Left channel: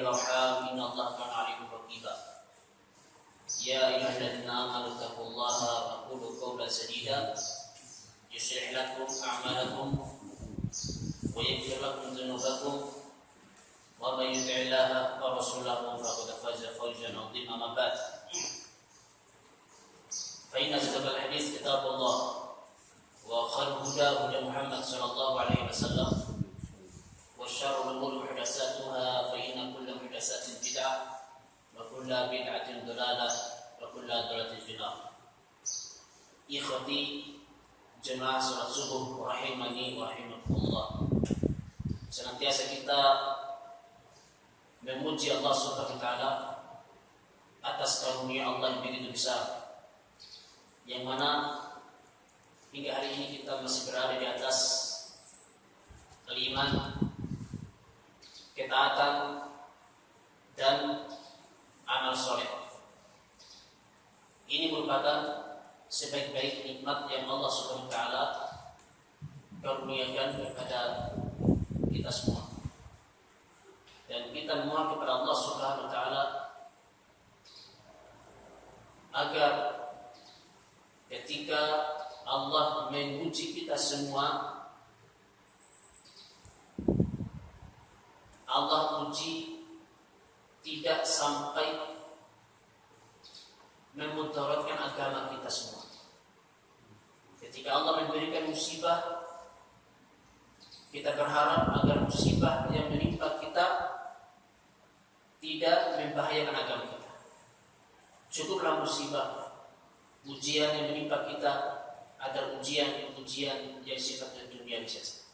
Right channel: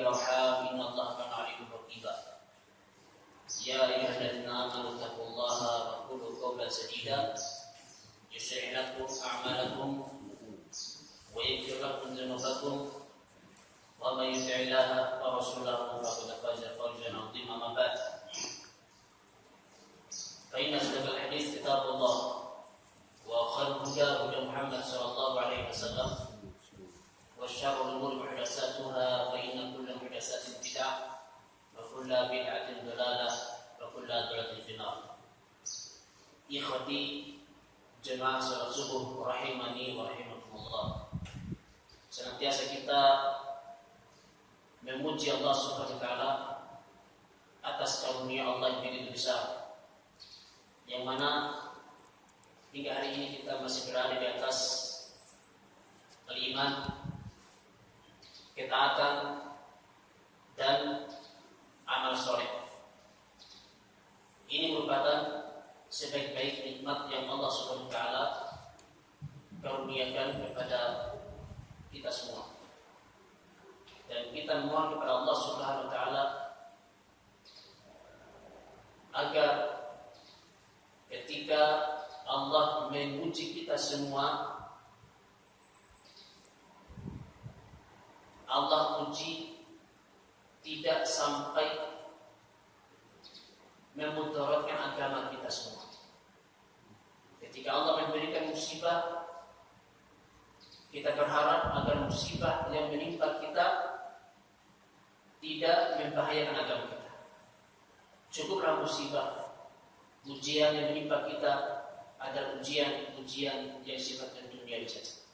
الأرحام إن الله كان عليكم رقيبا يا أيها الذين آمنوا اتقوا الله وقولوا قولا سديدا يصلح لكم أعمالكم ويغفر لكم ذنوبكم ومن يطع الله ورسوله فقد فاز فوزا عظيما. أما بعد فإن أصدق الحديث كتاب الله وخير الهدى هدى محمد صلى الله عليه وسلم وشر الأمور محدثاتها فإن كل محدثات بدعة وكل بدعة ضلالة وكل ضلالة في النار. Ikhwati jemaah salat subuh rahimani wa rahimakumullah. Senantiasa kita memuji Allah Subhanahu wa taala atas karunia Allah yang begitu besar, yang mana hingga hari ini kita masih berada di atas iman, ketaatan dan amal soleh. Ini merupakan sebaik-baik nikmat yang Allah Subhanahu wa taala karuniakan kepada kita semua. Dan kita mohon kepada Allah Subhanahu wa taala agar ketika Allah memuji kita semua, Allah puji tidak sampai memudaratkan agama kita semua. Ketika Allah memberikan musibah, kita berharap agar musibah yang menimpa kita tidak membahayakan agama kita. Cukuplah musibah, ujian yang menimpa kita adalah ujian yang sifatnya dunia saja.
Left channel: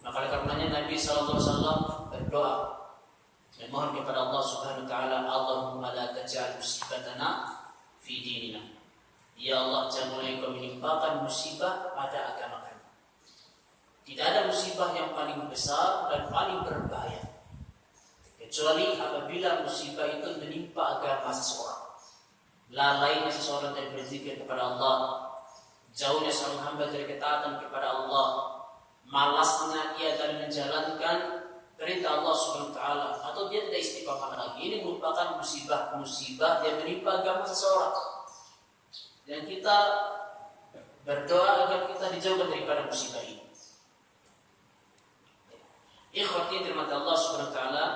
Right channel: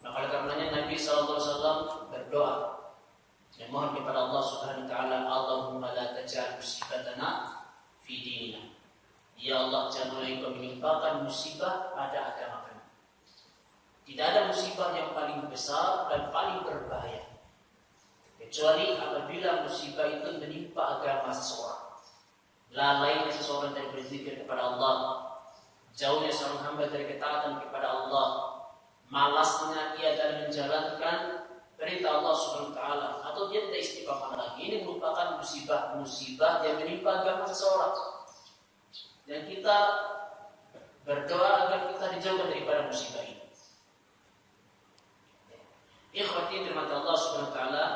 Maka karenanya Nabi SAW berdoa memohon kepada Allah Subhanahu wa taala, Allahumma la taj'al musibatana fi dinina. Ya Allah, janganlah Engkau menimpakan musibah pada agama kami. Tidak ada musibah yang paling besar dan paling berbahaya kecuali apabila musibah itu menimpa agama seseorang. Lalainya seseorang dari berzikir kepada Allah, jauhnya seorang hamba dari ketaatan kepada Allah, malasnya ia dalam menjalankan perintah Allah Subhanahu wa taala, atau dia tidak istiqamah lagi. Ini merupakan musibah yang menimpa agama seseorang. Dan kita berdoa agar kita dijauhkan daripada musibah ini. Ikhwati dirahmati Allah Subhanahu wa taala,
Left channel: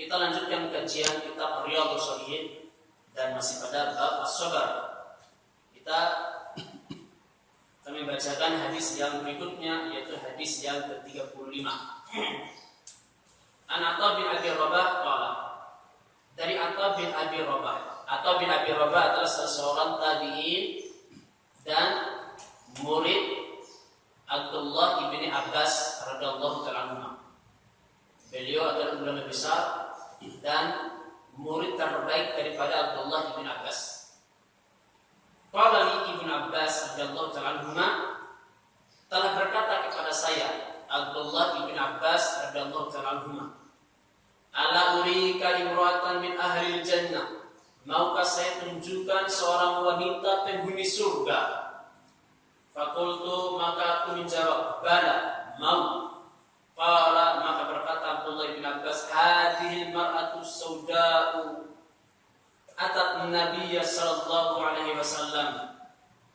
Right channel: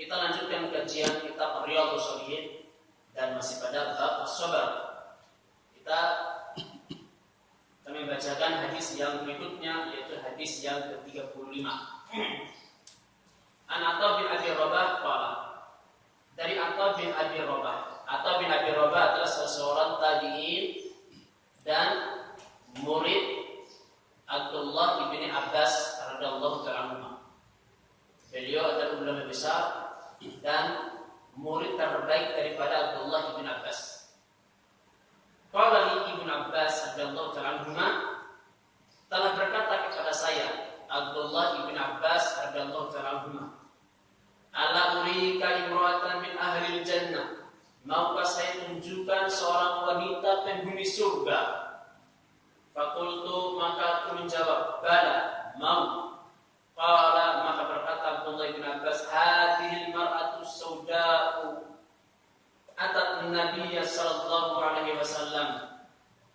kita lanjutkan kajian kitab Riyadhus Shalihin dan masih pada bab as-sabar. Kami bacakan hadis yang berikutnya, yaitu hadis yang ke-35. An Atha bin Abi Rabah qala, dari Atha bin Abi Rabah. Atha bin Abi Rabah adalah seorang tabi'in dan murid Abdullah bin Abbas radhiyallahu ta'ala anhu. Beliau adalah ulama besar dan murid terbaik daripada Abdullah bin Abbas. Qala li Ibnu Abbas radhiyallahu ta'ala anhuma, telah berkata kepada saya Abdullah bin Abbas radhiyallahu ta'ala anhuma, ala urika imra'atan min ahli jannah, maukah saya tunjukkan seorang wanita penghuni surga? Fakultu, maka aku menjawab, bala, mau. Qala, maka berkata Abdullah bin Abbas, hadhil mar'atu sauda'u atat Nabiya sallallahu alaihi wasallam.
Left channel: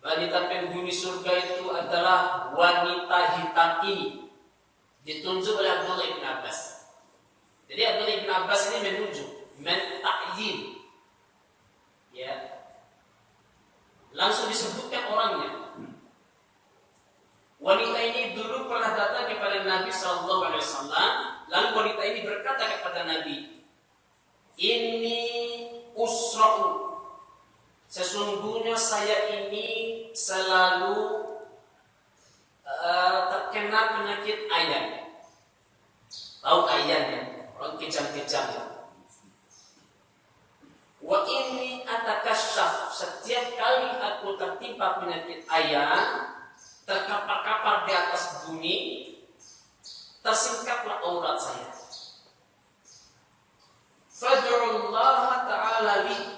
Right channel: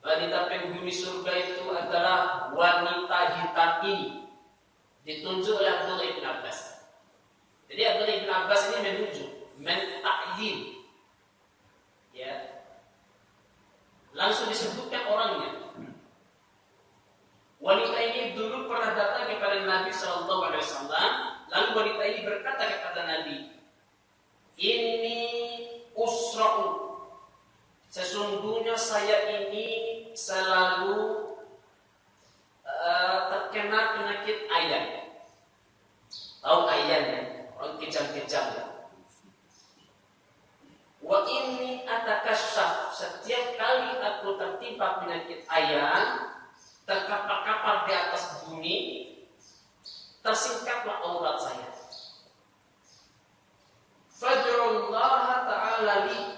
Wanita penghuni surga itu adalah wanita hitam ini. Ditunjuk oleh Abdullah bin Abbas. Jadi Abdullah bin Abbas ini menunjuk, mentakyin, ya, langsung disebutkan orangnya. Wanita ini dulu pernah datang kepada Nabi sallallahu alaihi wasallam. Lalu wanita ini berkata kepada Nabi, ini usra'u, sesungguhnya saya ini selalu terkena penyakit ayan. Tahu ayan ya? Orang kejang-kejang. Wa inni atakasyaf, setiap kali aku tertimpa penyakit ayan, terkapar-kapar di atas bumi, tersingkaplah aurat saya. Fad'ullaha ta'ala li,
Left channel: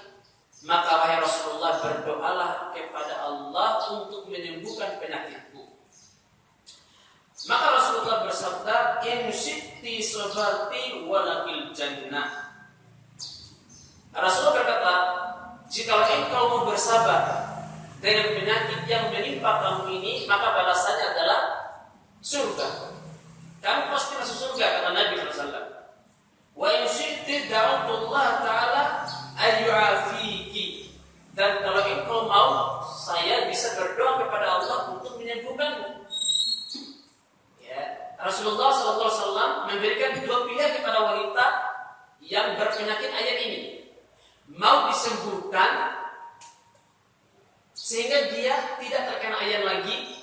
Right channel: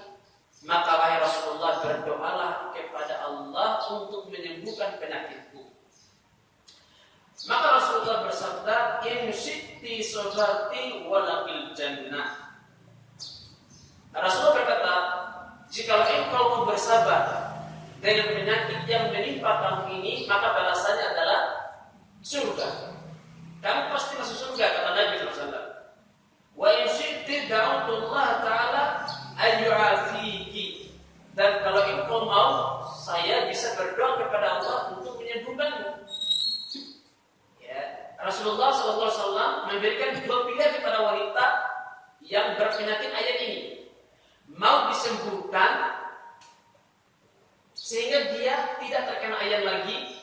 maka wahai Rasulullah, berdoalah kepada Allah untuk menyembuhkan penyakitku. Maka Rasulullah bersabda, in syi'ti sabarti walakil jannah. Rasulullah berkata, jika engkau mau bersabar dengan penyakit yang menimpa kamu ini, maka balasannya adalah surga. Kamu pasti masuk surga, kata Nabi SAW. Wa in syi'ti da'utullah ta'ala ayyu'afiki. Dan kalau engkau mau, saya bisa berdoa kepada Allah untuk menyembuhkanmu. Ya, Rasulullah SAW memberikan dua pilihan kepada wanita yang berpenyakit ayat ini. Mau disembuhkan sehingga dia tidak terkena ayan lagi,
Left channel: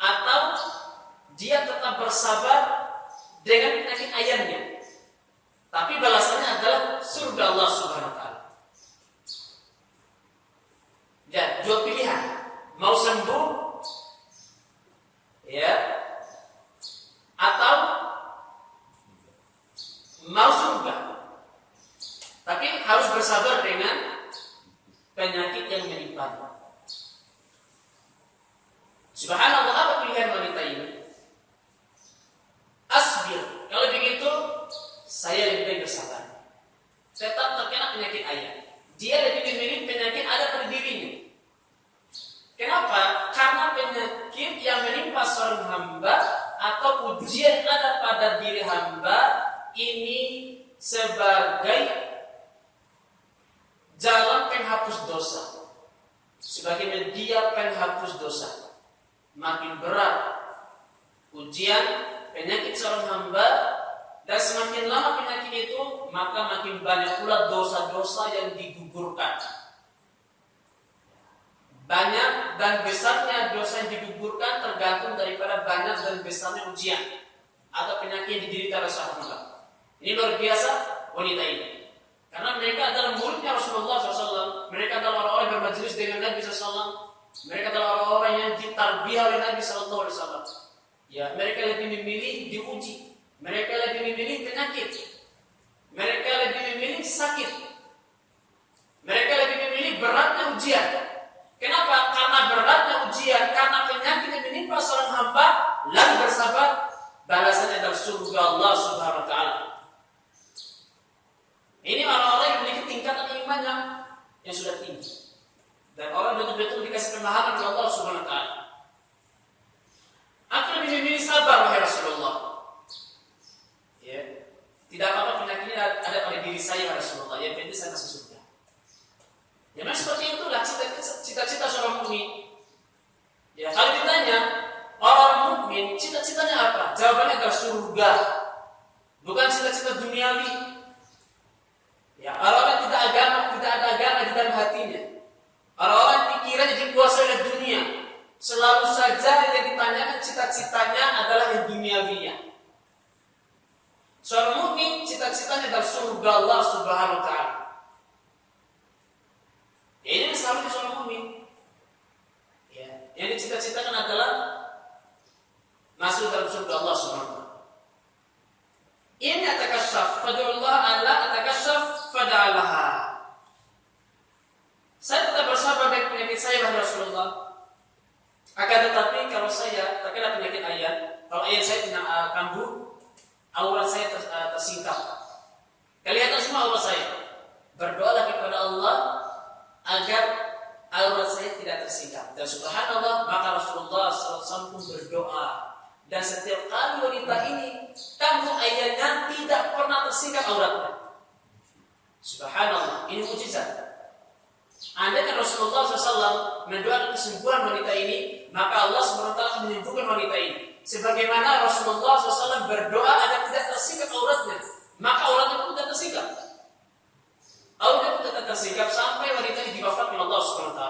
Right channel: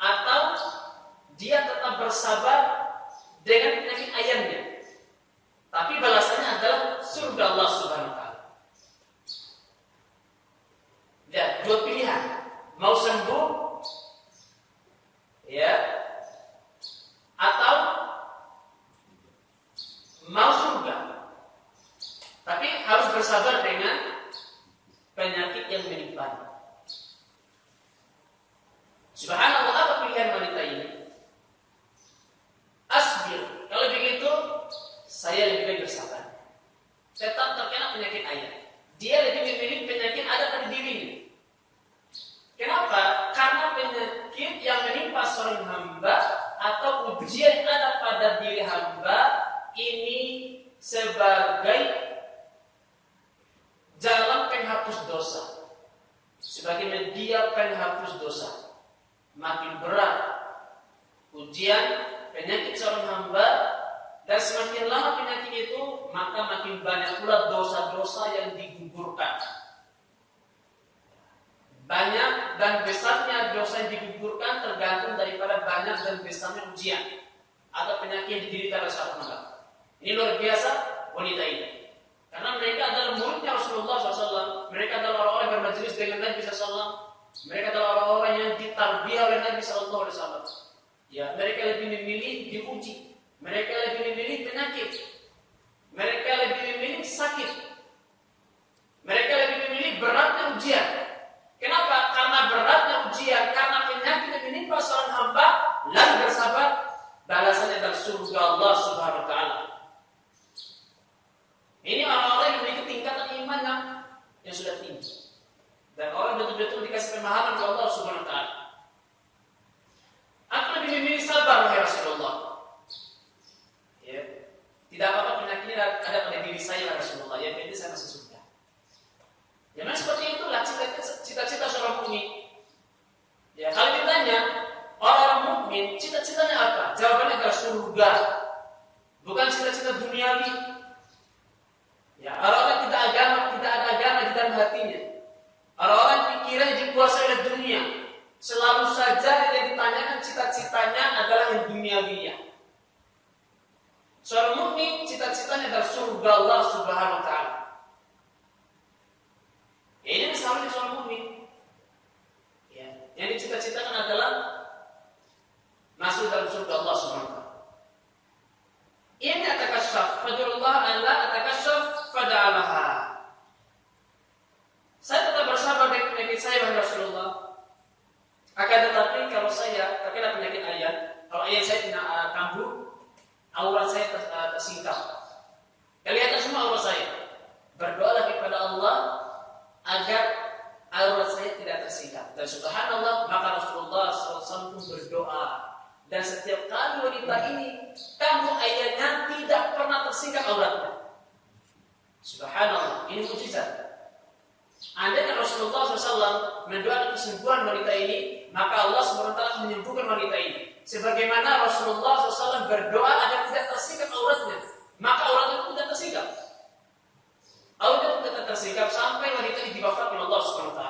atau dia tetap bersabar dengan penyakit ayannya, tapi balasannya adalah surga Allah Subhanahu wa ta'ala. Ya, dua pilihan, mau sembuh ya, atau mau surga, tapi harus bersabar dengan penyakit yang menimpa. Subhanallah, apa pilihan wanita ini? Asbir. Kalau begitu, saya lebih baik bersabar. Tetap terkena penyakit ayah. Dia lebih memilih penyakit ada pada dirinya. Kenapa? Karena penyakit yang menimpa seorang hamba atau ujian ada pada diri hamba ini sebagai jalan penghapus dosa, sebagai media penghapus dosa. Makin berat ujian penyakit seorang hamba, dan semakin lama penyakit itu, maka makin banyak pula dosa-dosa yang digugurkan. Banyak dan besarnya dosa yang digugurkan tergantung daripada banyak dan besarnya ujian atau penyakit yang diderita oleh seorang hamba. Ini luar biasa wanita ini. Karena mereka adalah muridnya Rasulullah SAW. Mereka adalah orang-orang yang bermajelis dengan Nabi SAW. Mereka adalah orang-orang yang ditarbiyah oleh Nabi SAW. Ya, mereka lebih memilih diuji. Mereka lebih memilih penyakit. Mereka lebih memilih sakit. Mereka lebih memilih beratnya ujian. Kenapa? Karena beratnya ujian, karena penyakit yang menimpa seorang hamba, lalu bersabar, balasannya adalah surga Allah Subhanahu wa ta'ala. Ini orang-orang yang memiliki tingkatan iman yang sudah tinggi. Dan orang betul-betul dikasih pemahaman oleh Allah Subhanahu wa ta'ala. Aku lebih memilih sabar, wahai Rasulullah. Ya. Tidak apa-apa penyakitnya ada pada diri saya, Rasulullah. Yang penting saya masuk surga. Ya, memang seperti itulah cita-cita seorang mukmin. Ya, kalau ditanya orang mukmin cita-citanya apa? Jawabannya adalah surga. Bukan cita-cita duniawi. Ya, orang tidak ada agama di dalam hatinya. Orang-orang pikirannya dikuasai oleh dunia. Selalu saja yang ditanyakan cita-citanya adalah yang duniawinya. Seorang mukmin cita-citanya adalah surga Allah Subhanahu wa ta'ala. Ini misalnya seorang mukmin. Ya, yang dicita-citakan adalah masuk dalam surga Allah Subhanahu wa ta'ala. Ini atakasyaf, fadulullah ala atakasyaf fada'alaha. Saya tetap bersabar dengan penyakit saya, wahai Rasulullah. Akan tetapi kalau saya terkena penyakit ayat, kalau ayat saya tidak kambuh, aurat saya tersingkap. Kelihatan semua aurat saya. Berdoalah kepada Allah agar aurat saya tidak tersingkap. Dan subhanallah, maka Rasulullah SAW pun berdoa. Dan setiap kali wanita ini kambuh ayatnya tidak pernah tersingkap auratnya. Subhanallah, ini mukjizat. Andai Rasulullah SAW mendoakan kesembuhan wanita ini, maka Allah SWT menyembuhkan wanita ini. Sebagaimana Rasulullah SAW berdoa agar tidak tersingkap auratnya, maka auratnya pun tidak tersingkap. Auratnya pun tidak tersingkap sampai wanita ini diwafatkan oleh Allah SWT.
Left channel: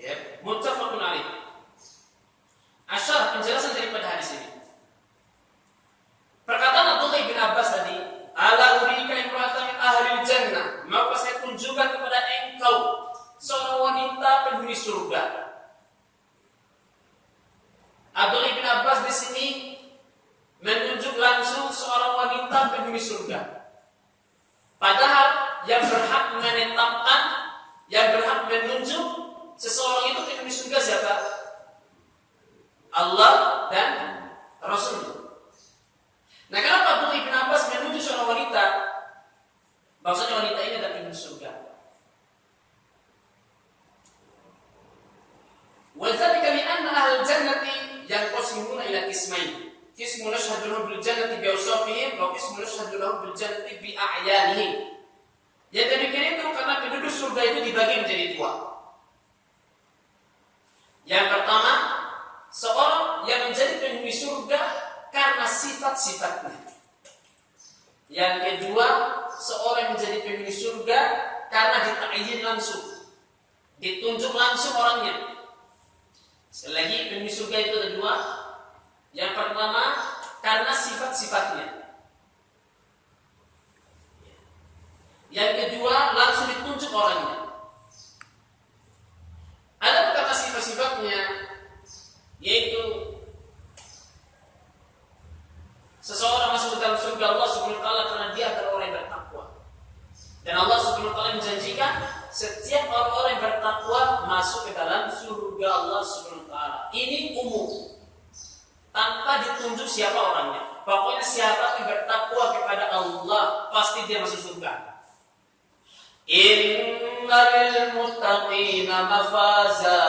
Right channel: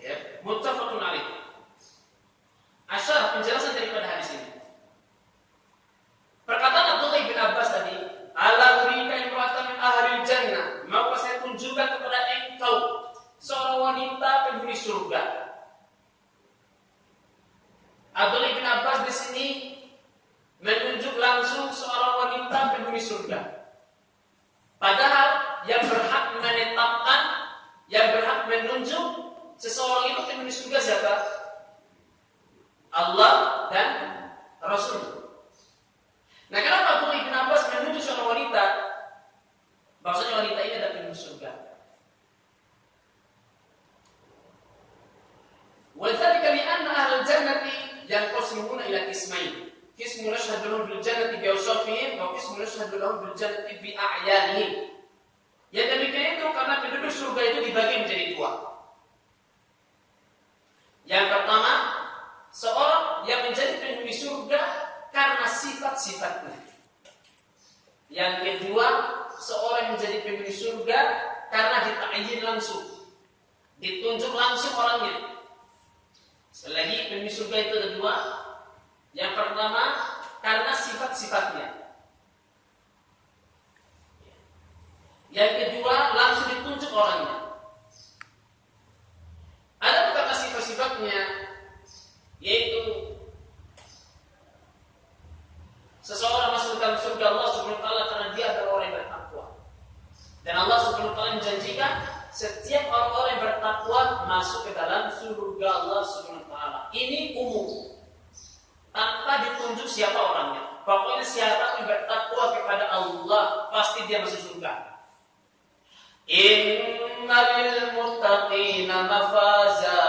Ya, muttafaqun alaih. Asyarah penjelasan daripada hadis ini. Perkataan Abdullah bin Abbas tadi, ala urika imra'atan min ahli jannah, maka saya tunjukkan kepada engkau seorang wanita penghuni surga. Abdullah bin Abbas di sini menunjuk langsung seorang wanita penghuni surga. Padahal yang berhak menetapkan, yang berhak menunjuk seseorang itu penghuni surga siapa? Allah dan Rasul. Nah, kenapa Abdullah bin Abbas menuju seorang wanita? Maksudnya wanita ini ada pintu surga. وذلك لأن أهل الجنة ينقسمون إلى قسمين قسم يشهد لهم بالجنة بأوصافهم وقسم يشهد لهم بالجنة بأعيانهم. Yang demikian itu karena penduduk surga itu dibagi menjadi dua. Yang pertama, seorang yang menjadi penghuni surga karena sifat-sifatnya. Yang kedua, seorang yang menjadi penghuni surga karena dita'yin langsung, ditunjuk langsung orangnya. Sekali lagi, penghuni surga itu ada dua. Yang pertama, karena sifat-sifatnya. Yang kedua, langsung ditunjuk orangnya. Ada beberapa sifat-sifatnya, yaitu seseorang masuk ke dalam surga Allah Subhanahu wa taala karena dia adalah orang yang bertakwa. Dan Allah Subhanahu wa taala menjanjikan setiap orang-orang yang bertakwa masuk ke dalam surga Allah Subhanahu wa taala. Ini umum, tanpa ditunjuk siapa orangnya. Pokoknya siapa yang bertakwa kepada Allah pasti dia masuk surga. Innal muttaqina mafaza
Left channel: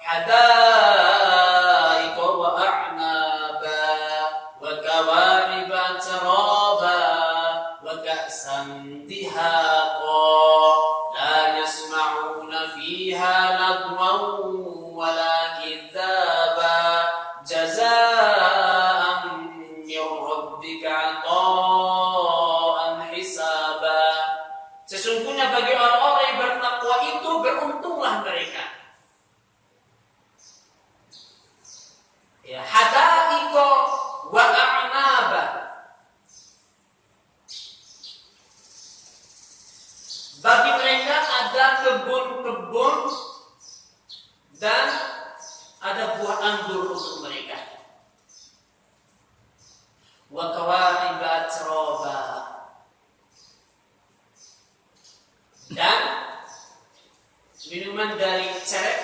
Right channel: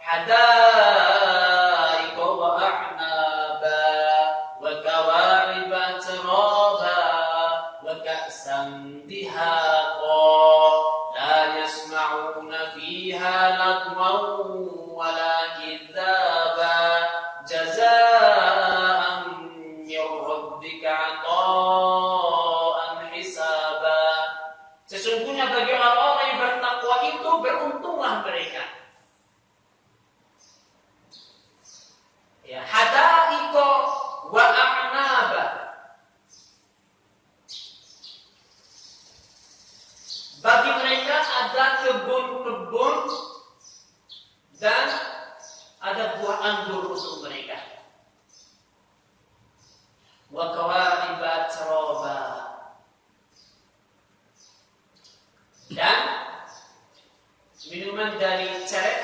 hadaiqa wa a'naba wa kawa'iba atraba wa ka'san dihaqa la yasma'una fiha lagwan wa la kidhaba jazaa'an min rabbika 'ata'an hisaba. Sesungguhnya bagi orang-orang yang bertakwa itu beruntunglah mereka. Ya, hadaiqa wa a'naba. Bagi mereka ada kebun-kebun dan ada buah anggur untuk mereka. Wa kawa'iba atraba. Dan minuman dari cerek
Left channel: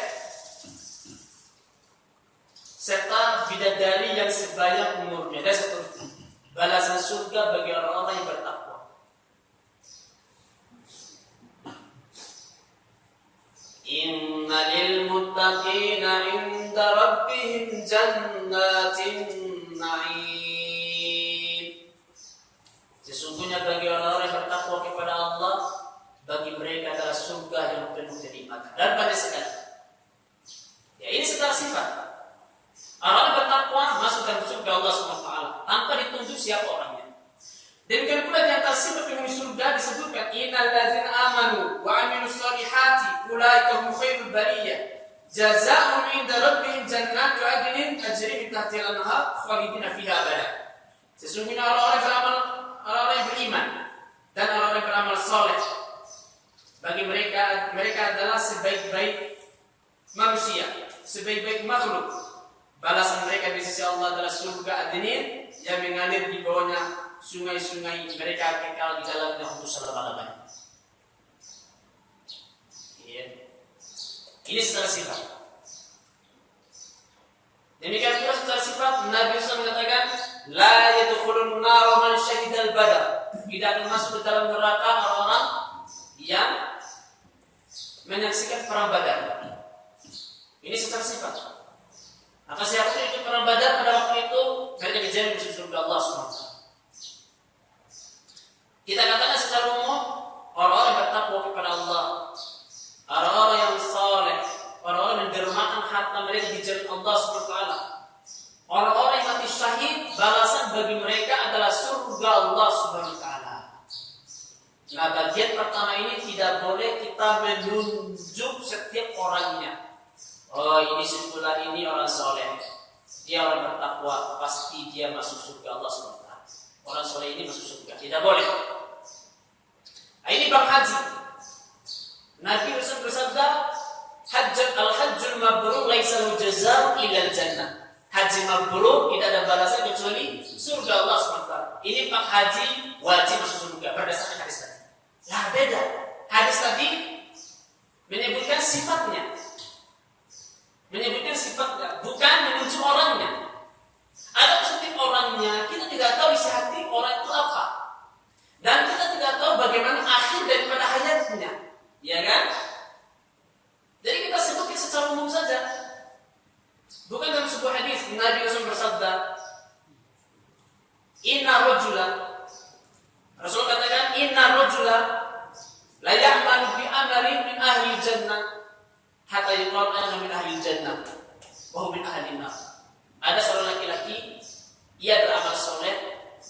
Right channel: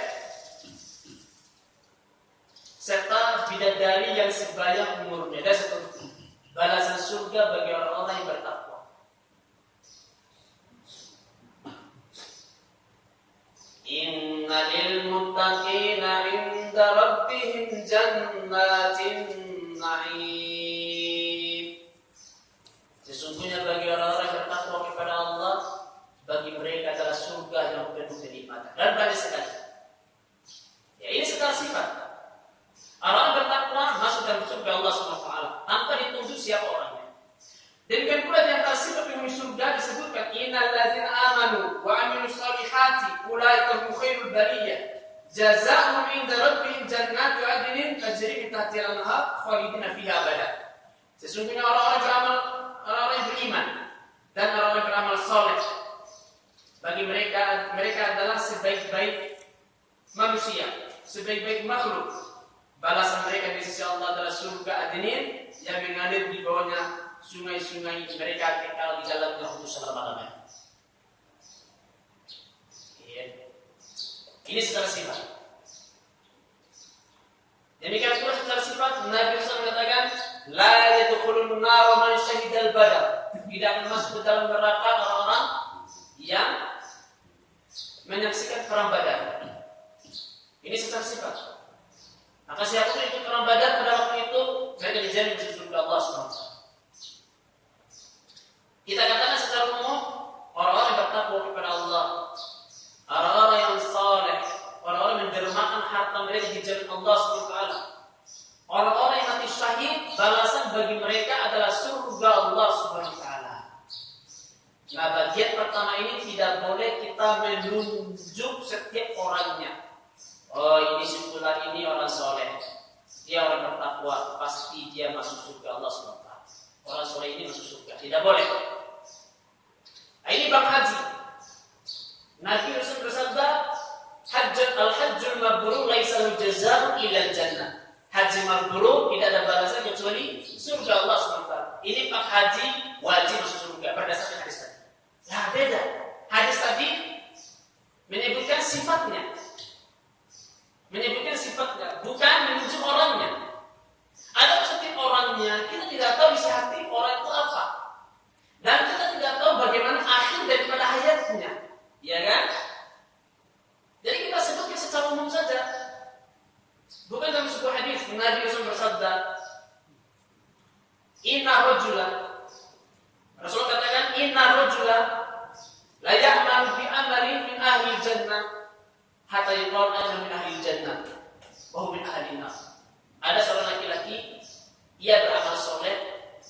serta bidadari yang sebanyak umurnya. Dan seterusnya. Balasan surga bagi orang-orang yang bertakwa. Inna lil muttaqina 'inda rabbihim jannatin na'im. Sesungguhnya bagi orang-orang yang bertakwa kepada Allah, bagi mereka adalah surga yang penuh kenikmatan dan pandai sekali. Ya, ini secara sifat. Orang bertakwa masuk dalam surga Allah SWT tanpa ditunjuk siapa orangnya. Demikian pula di antara sifat penghuni surga disebutkan innal ladzina amanu wa 'amilus shalihati ulaika hum khairul bariyah jazaa'uhum 'inda rabbihim jannatu 'adnin tajri min tahtiha al-anhar khalidina fiha abada. Sesungguhnya orang-orang yang beriman dan orang-orang yang beramal saleh, bagi mereka adalah sebaik-baik manusia, sebaik-baik makhluk. Balasan mereka di sisi Allah adalah surga adnin yang mengalir di bawahnya sungai-sungai, mereka kekal di dalamnya untuk selama-lamanya. Ini secara sifat. Demikian pula secara sifat Nabi SAW mengatakan, la yadkhulun nar man syahidal badar. Tidak akan masuk ke dalam neraka orang-orang yang menyaksikan perang Badar. Ini secara sifat. Maka siapa yang ikut perang Badar pada waktu itu mereka dijamin masuk surga Allah SWT. Kita katakan secara umum orang-orang yang bertakwa kepada Allah, orang-orang yang saleh, orang-orang yang dermakan harta mereka dijamin Allah SWT. Orang-orang yang mati syahid, balasan bagi mereka adalah surga Allah SWT. Nah, bagian pertama ini tidak boleh kita menunjuk setiap orangnya. Oh, ini sebulan ini orang soleh, dia orang bertakwa, pasti dia masuk surga Allah SWT. Orang soleh ini masuk surga, tidak boleh. Nah, ini bab haji. Nabi bersabda, al-hajjul mabrur laisa lahu jazaa'un illa al-jannah. Haji mabrur tidak ada balasan kecuali surga Allah SWT. Ini bab haji wajib masuk surga berdasarkan hadis tadi. Nah, beda. Hadis tadi menyebutkan sifatnya. Bukan menunjuk orangnya. Ada setiap orangnya, kita tidak tahu isi hati orang itu apa. Dan kita tidak tahu bagaimana akhir daripada hayatnya. Ya kan? Jadi kita sebutkan secara umum saja. Bukan dalam sebuah hadis Nabi Rasul bersabda, Inna rajula, Rasul katakan, Inna rajula la ya'malu bi amali min ahli jannah hatta yuqal ana min ahli jannah wa huwa min ahli nar. Ada seorang laki-laki, ia beramal soleh,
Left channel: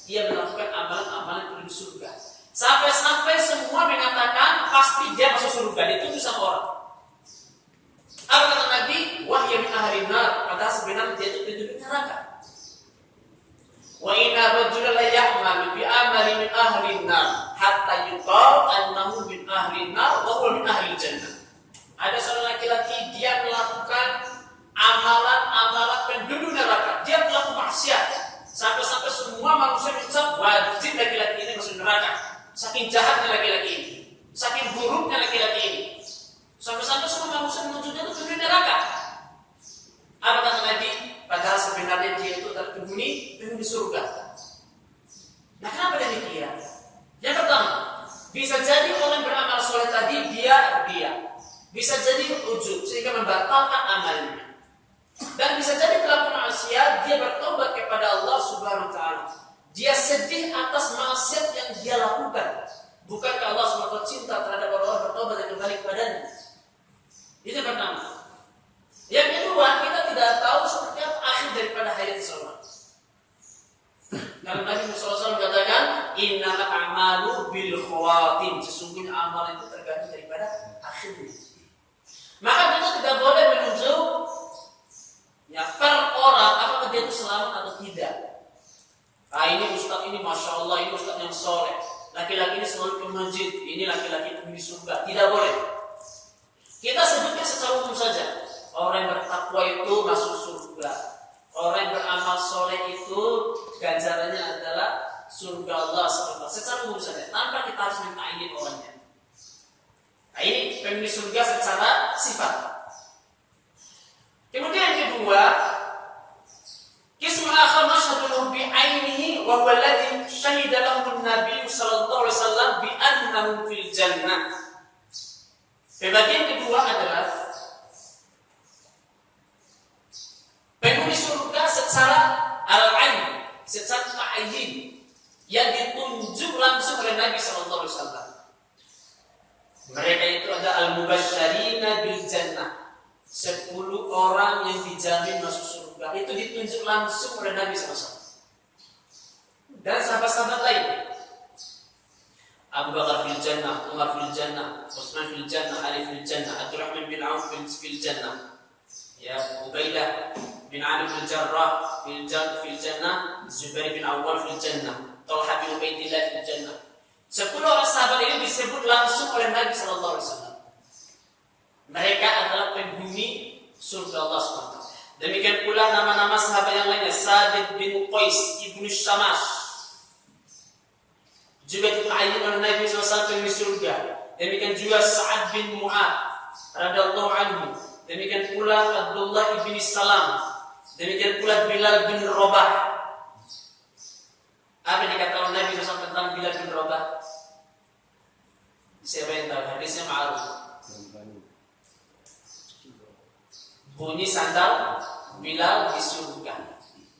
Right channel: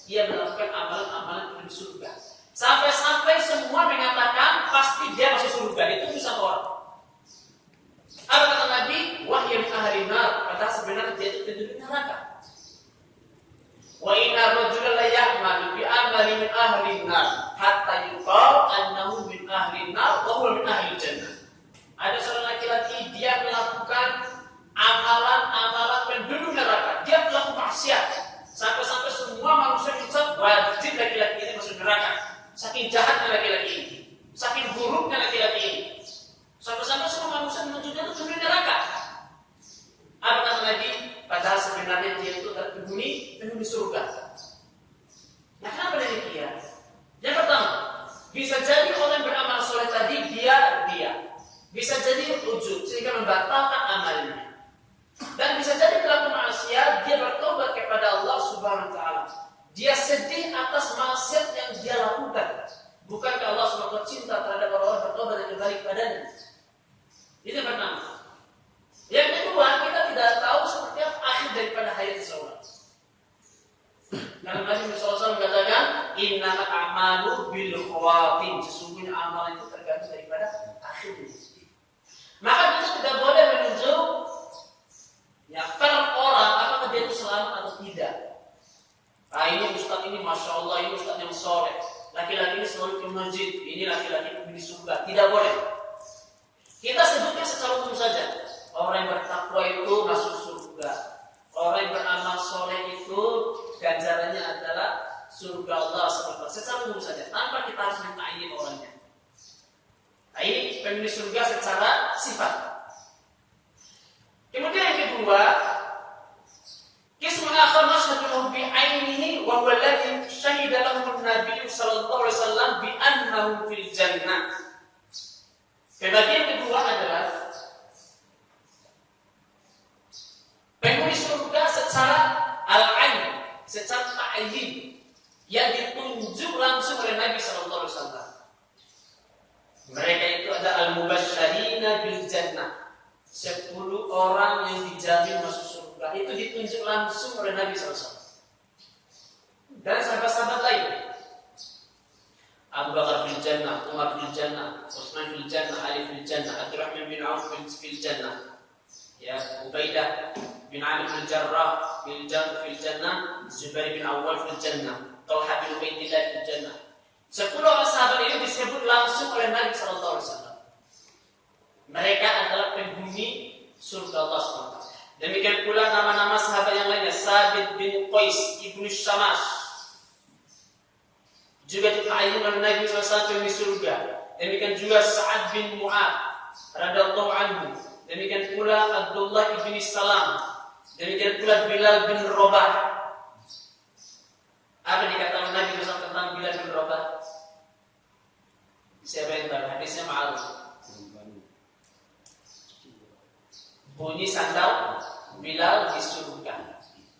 ia melakukan amalan-amalan menuju surga. Sampai-sampai semua mengatakan pasti dia masuk surga, dituju sama orang. Apa kata Nabi? Wahya min ahli nar. Padahal sebenarnya dia itu penduduk neraka. Wa inna rajulan la ya'malu bi amali min ahli nar hatta yuqal annahu min ahli nar wa huwa min ahli jannah. Ada seorang laki-laki, dia melakukan amalan-amalan penduduk neraka. Dia pelaku maksiat. Sampai-sampai semua manusia mencap wajib laki-laki ini masuk neraka. Saking jahatnya laki-laki ini, saking buruknya laki-laki ini. Sampai-sampai semua manusia menujunya itu penduduk neraka. Apa kata Nabi? Padahal sebenarnya dia itu terpenghuni surga. Nah, kenapa demikian? Yang pertama, bisa jadi orang yang beramal soleh tadi dia bisa jadi ujub sehingga membatalkan amalnya. Dan bisa jadi pelaku maksiat, dia bertobat kepada Allah Subhanahu wa taala. Dia sedih atas maksiat yang dia lakukan. Bukankah Allah Subhanahu wa taala cinta terhadap orang bertobat dan kembali kepadanya? Itu yang pertama. Yang kedua, kita tidak tahu seperti apa akhir daripada hayat seseorang. Karena Nabi SAW mengatakan, Innal a'malu bil khawatim. Sesungguhnya amal itu tergantung daripada akhirnya. Maka kita tidak boleh menunjuk ya per orang apakah dia itu selamat atau tidak. Ini ustaz ini masya Allah, ini ustaz yang soleh. Laki-laki ini selalu ke masjid, ini laki-laki penghuni surga. Tidak boleh. Kita sebutnya secara umum saja. Orang yang bertakwa itu masuk surga. Orang yang beramal soleh itu ganjarannya adalah surga Allah SWT. Secara umum saja, tanpa kita harus mentayin orangnya. Nah, ini penghuni surga secara sifat. Kemudian yang kedua, kismul akhar masyhadu bi ainihi wa huwa alladhi syahida lahu an-nabi sallallahu alaihi wasallam bi annahu fil jannah. Bagian kedua adalah penghuni surga secara al-ain, secara ta'yin yang ditunjuk langsung oleh Nabi sallallahu alaihi wasallam. Mereka itu ada al-mubasysyirina bil jannah. 10 orang yang dijamin masuk surga itu ditunjuk langsung oleh Nabi SAW dan sahabat-sahabat lain. Abu Bakar fil jannah, Umar fil jannah, Utsman fil jannah, Ali fil jannah, Abdurrahman bin Auf fil jannah, ya Ubaidah bin Amir fil Jarrah fil jannah, Zubair bin Awwam fil jannah, Talha bin Ubaidillah fil jannah. 10 orang sahabat ini disebut langsung oleh Nabi SAW. Mereka adalah penghuni surga Allah SWT. Demikian pula nama-nama sahabat yang lainnya, Sabit bin Qais ibnu Syamash juga ditayyin oleh Nabi SAW penghuni surga. Demikian juga Sa'ad bin Mu'ad radhiyallahu anhu. Demikian pula Abdullah bin Salam. Demikian pula Bilal bin Rabah. Apa dikatakan Nabi SAW tentang Bilal bin Rabah? Siapa yang tahu? Hadisnya ma'ruf. Bunyi sandal Bilal di surga.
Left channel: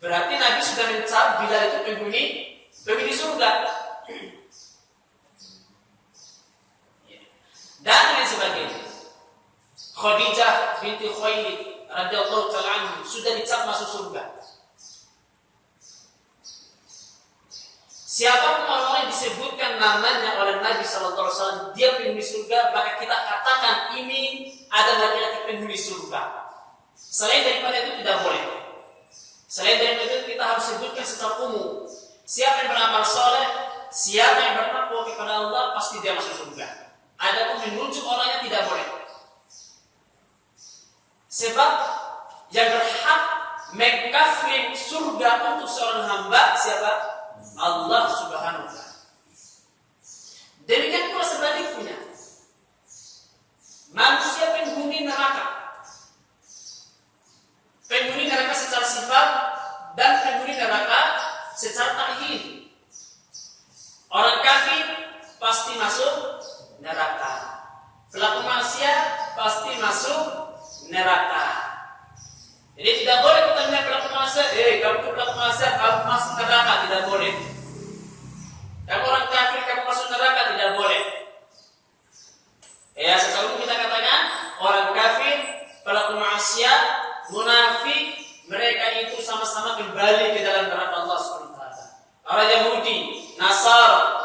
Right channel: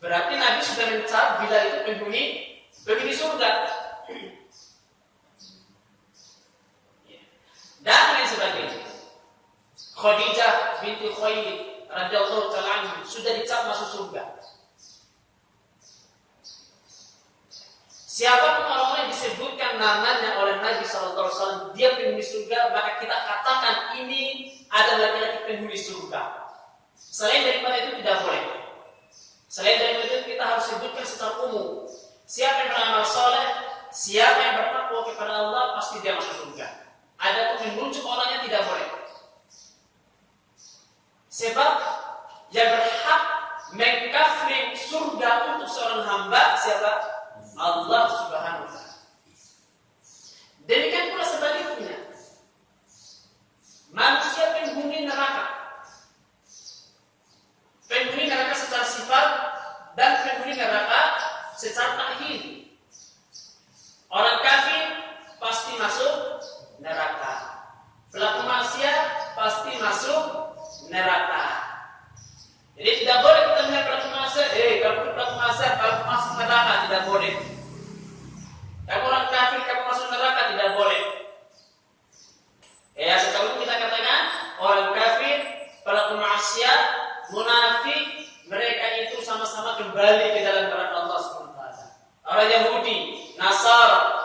Berarti Nabi sudah mencap Bilal itu penghuni surga. Dan lain sebagainya. Khadijah binti Khuwailid radhiyallahu ta'ala anha sudah dicap masuk surga. Siapapun orang-orang yang disebutkan namanya oleh Nabi SAW, dia penghuni surga, maka kita katakan ini adalah laki-laki penghuni surga. Selain daripada itu tidak boleh. Selain daripada itu kita harus sebutkan secara umum. Siapa yang beramal soleh, siapa yang bertakwa kepada Allah, pasti dia masuk surga. Adapun menunjuk orangnya tidak boleh. Sebab yang berhak mengkafir surga untuk seorang hamba siapa? Allah Subhanahu wa taala. Demikian pula sebaliknya. Manusia penghuni neraka. Penghuni neraka secara sifat dan penghuni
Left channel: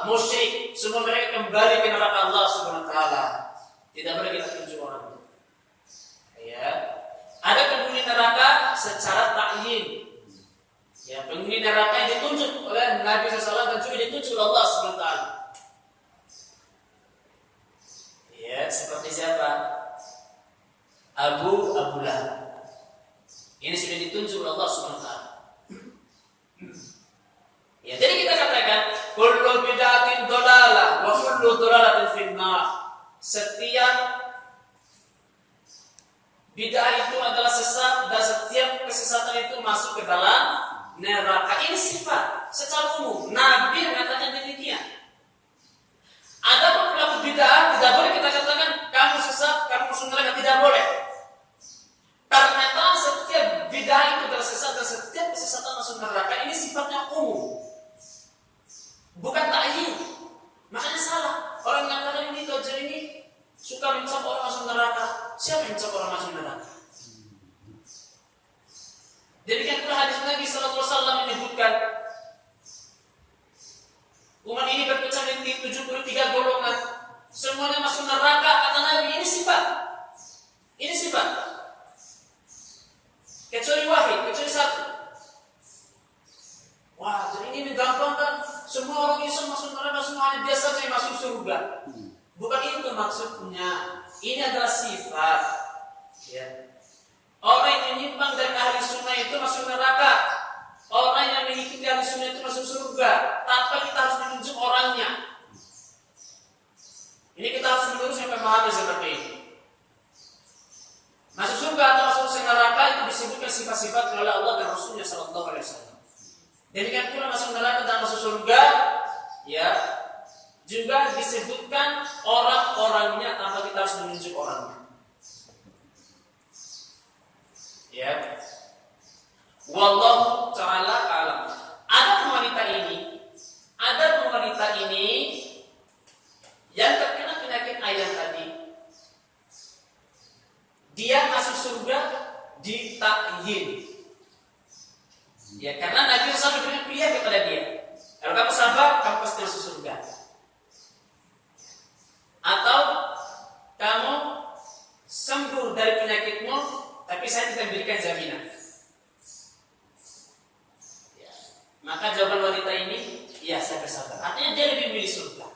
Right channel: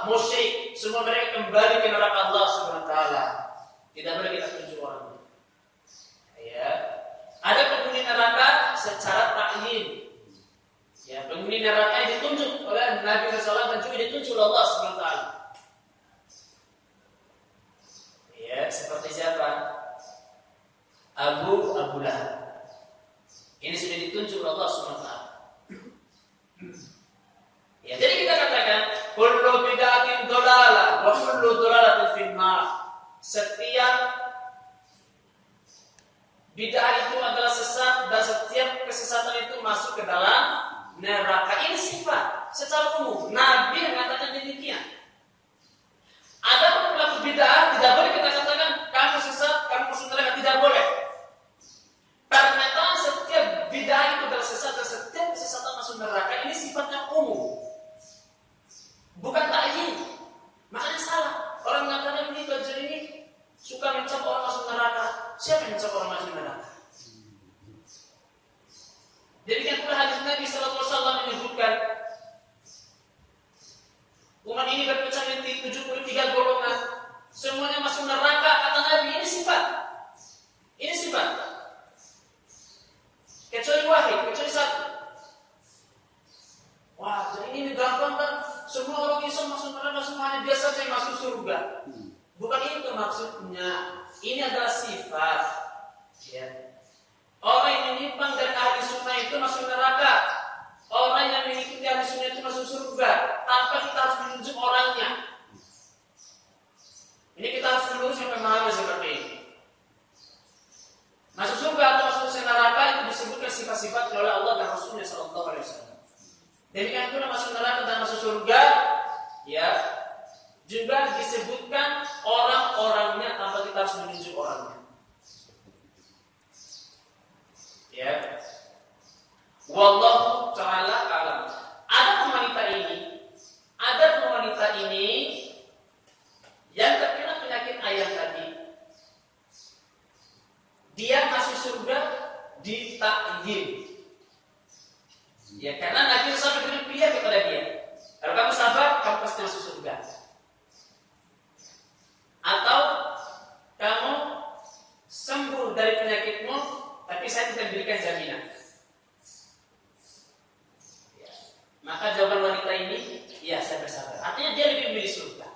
musyrik, semua mereka kembali ke neraka Allah Subhanahu wa taala. Tidak boleh kita tunjuk orang. Ya. Ada penghuni neraka secara ta'yin. Ya, penghuni neraka yang ditunjuk oleh Nabi SAW dan juga ditunjuk oleh Allah Subhanahu wa taala. Ya, seperti siapa? Abu Lahab. Ini sudah ditunjuk oleh Allah Subhanahu wa taala. Ya, jadi kita katakan kullu bid'atin dhalalah wa kullu dhalalatin finnar. Setiap bid'ah itu adalah sesat dan setiap kesesatan itu masuk ke dalam neraka. Ini sifat secara umum. Nabi mengatakan demikian. Ada pelaku bid'ah tidak boleh kita katakan kamu sesat, kamu masuk neraka, tidak boleh. Karena setiap bid'ah itu adalah sesat dan setiap kesesatan masuk neraka. Ini sifatnya umum. Bukan ta'yin. Makanya salah. Orang yang mengatakan ini Dajjal ini suka mencap orang masuk neraka. Siapa yang mencap orang masuk neraka? Demikian pula hadis Nabi sallallahu alaihi wasallam menyebutkan umat ini berpecah menjadi 73 golongan. Semuanya masuk neraka kata Nabi. Ini sifat. Ini sifat. Kecuali wahid, kecuali satu. Wah, jadi ini mengampangkan semua orang Islam masuk neraka, semuanya biasa saja masuk surga. Bukan itu maksudnya. Ini adalah sifat. Ya. Orang yang menyimpang dari ahli sunnah itu masuk neraka. Orang yang mengikuti ahli sunnah itu masuk surga. Tanpa kita harus menunjuk orangnya. Ini kita harus melurus sampai memahami seperti ini. Masuk surga atau masuk neraka itu disebutkan sifat-sifat oleh Allah dan Rasulnya sallallahu alaihi wasallam. Demikian pula masuk neraka dan masuk surga, ya, juga disebutkan orang-orangnya tanpa kita harus menunjuk orangnya. Ya. Wallahu ta'ala alam. Ada wanita ini yang terkena penyakit ayam tadi. Dia masuk surga di ta'yin. Ya, karena Nabi SAW berikan pilihan kepada dia. Kalau kamu sabar, kamu pasti masuk surga. Atau kamu sembuh dari penyakitmu, tapi saya tidak berikan jaminan. Ya. Maka jawaban wanita ini, ya saya bersabar. Artinya dia lebih memilih surga.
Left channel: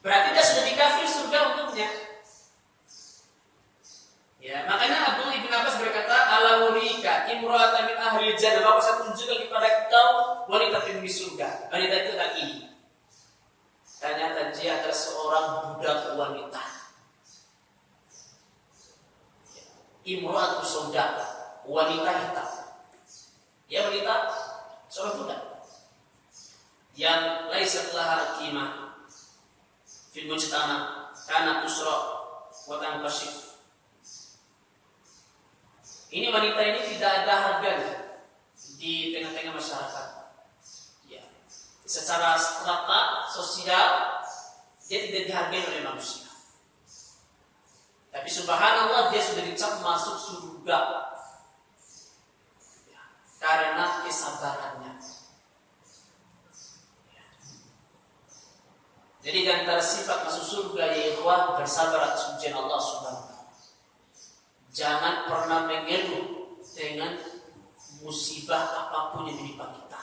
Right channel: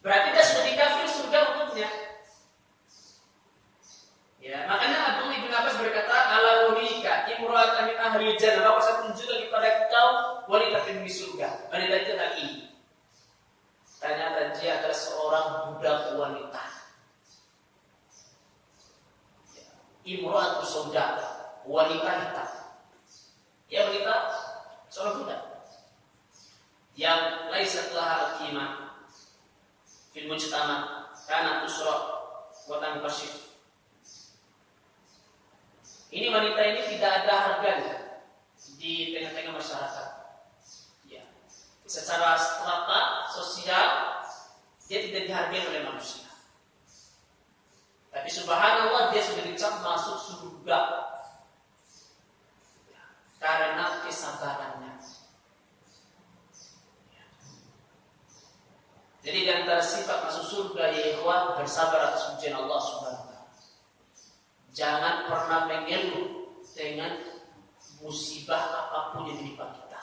Berarti dia sudah dikafir surga untuknya. Ya, makanya Abdullah bin Abbas berkata, "Ala urika imra'atan min ahli jannah." Aku saya tunjukkan kepada kau wanita penghuni surga. Wanita itu adalah ini. Ternyata dia adalah seorang budak wanita. Imra'atu sauda, wanita hitam. Ya, wanita seorang budak yang laisat laha qimah fil mujtama, kana tusra wa kana kasif. Ini wanita ini tidak ada harganya di tengah-tengah masyarakat. Ya. Secara strata sosial dia tidak dihargai oleh manusia. Tapi subhanallah dia sudah dicap masuk surga ya, karena kesabarannya. Ya. Jadi di antara sifat masuk surga ya ikhwan, bersabar atas ujian Allah Subhanahu wa taala. Jangan pernah mengeluh dengan musibah apapun yang menimpa kita.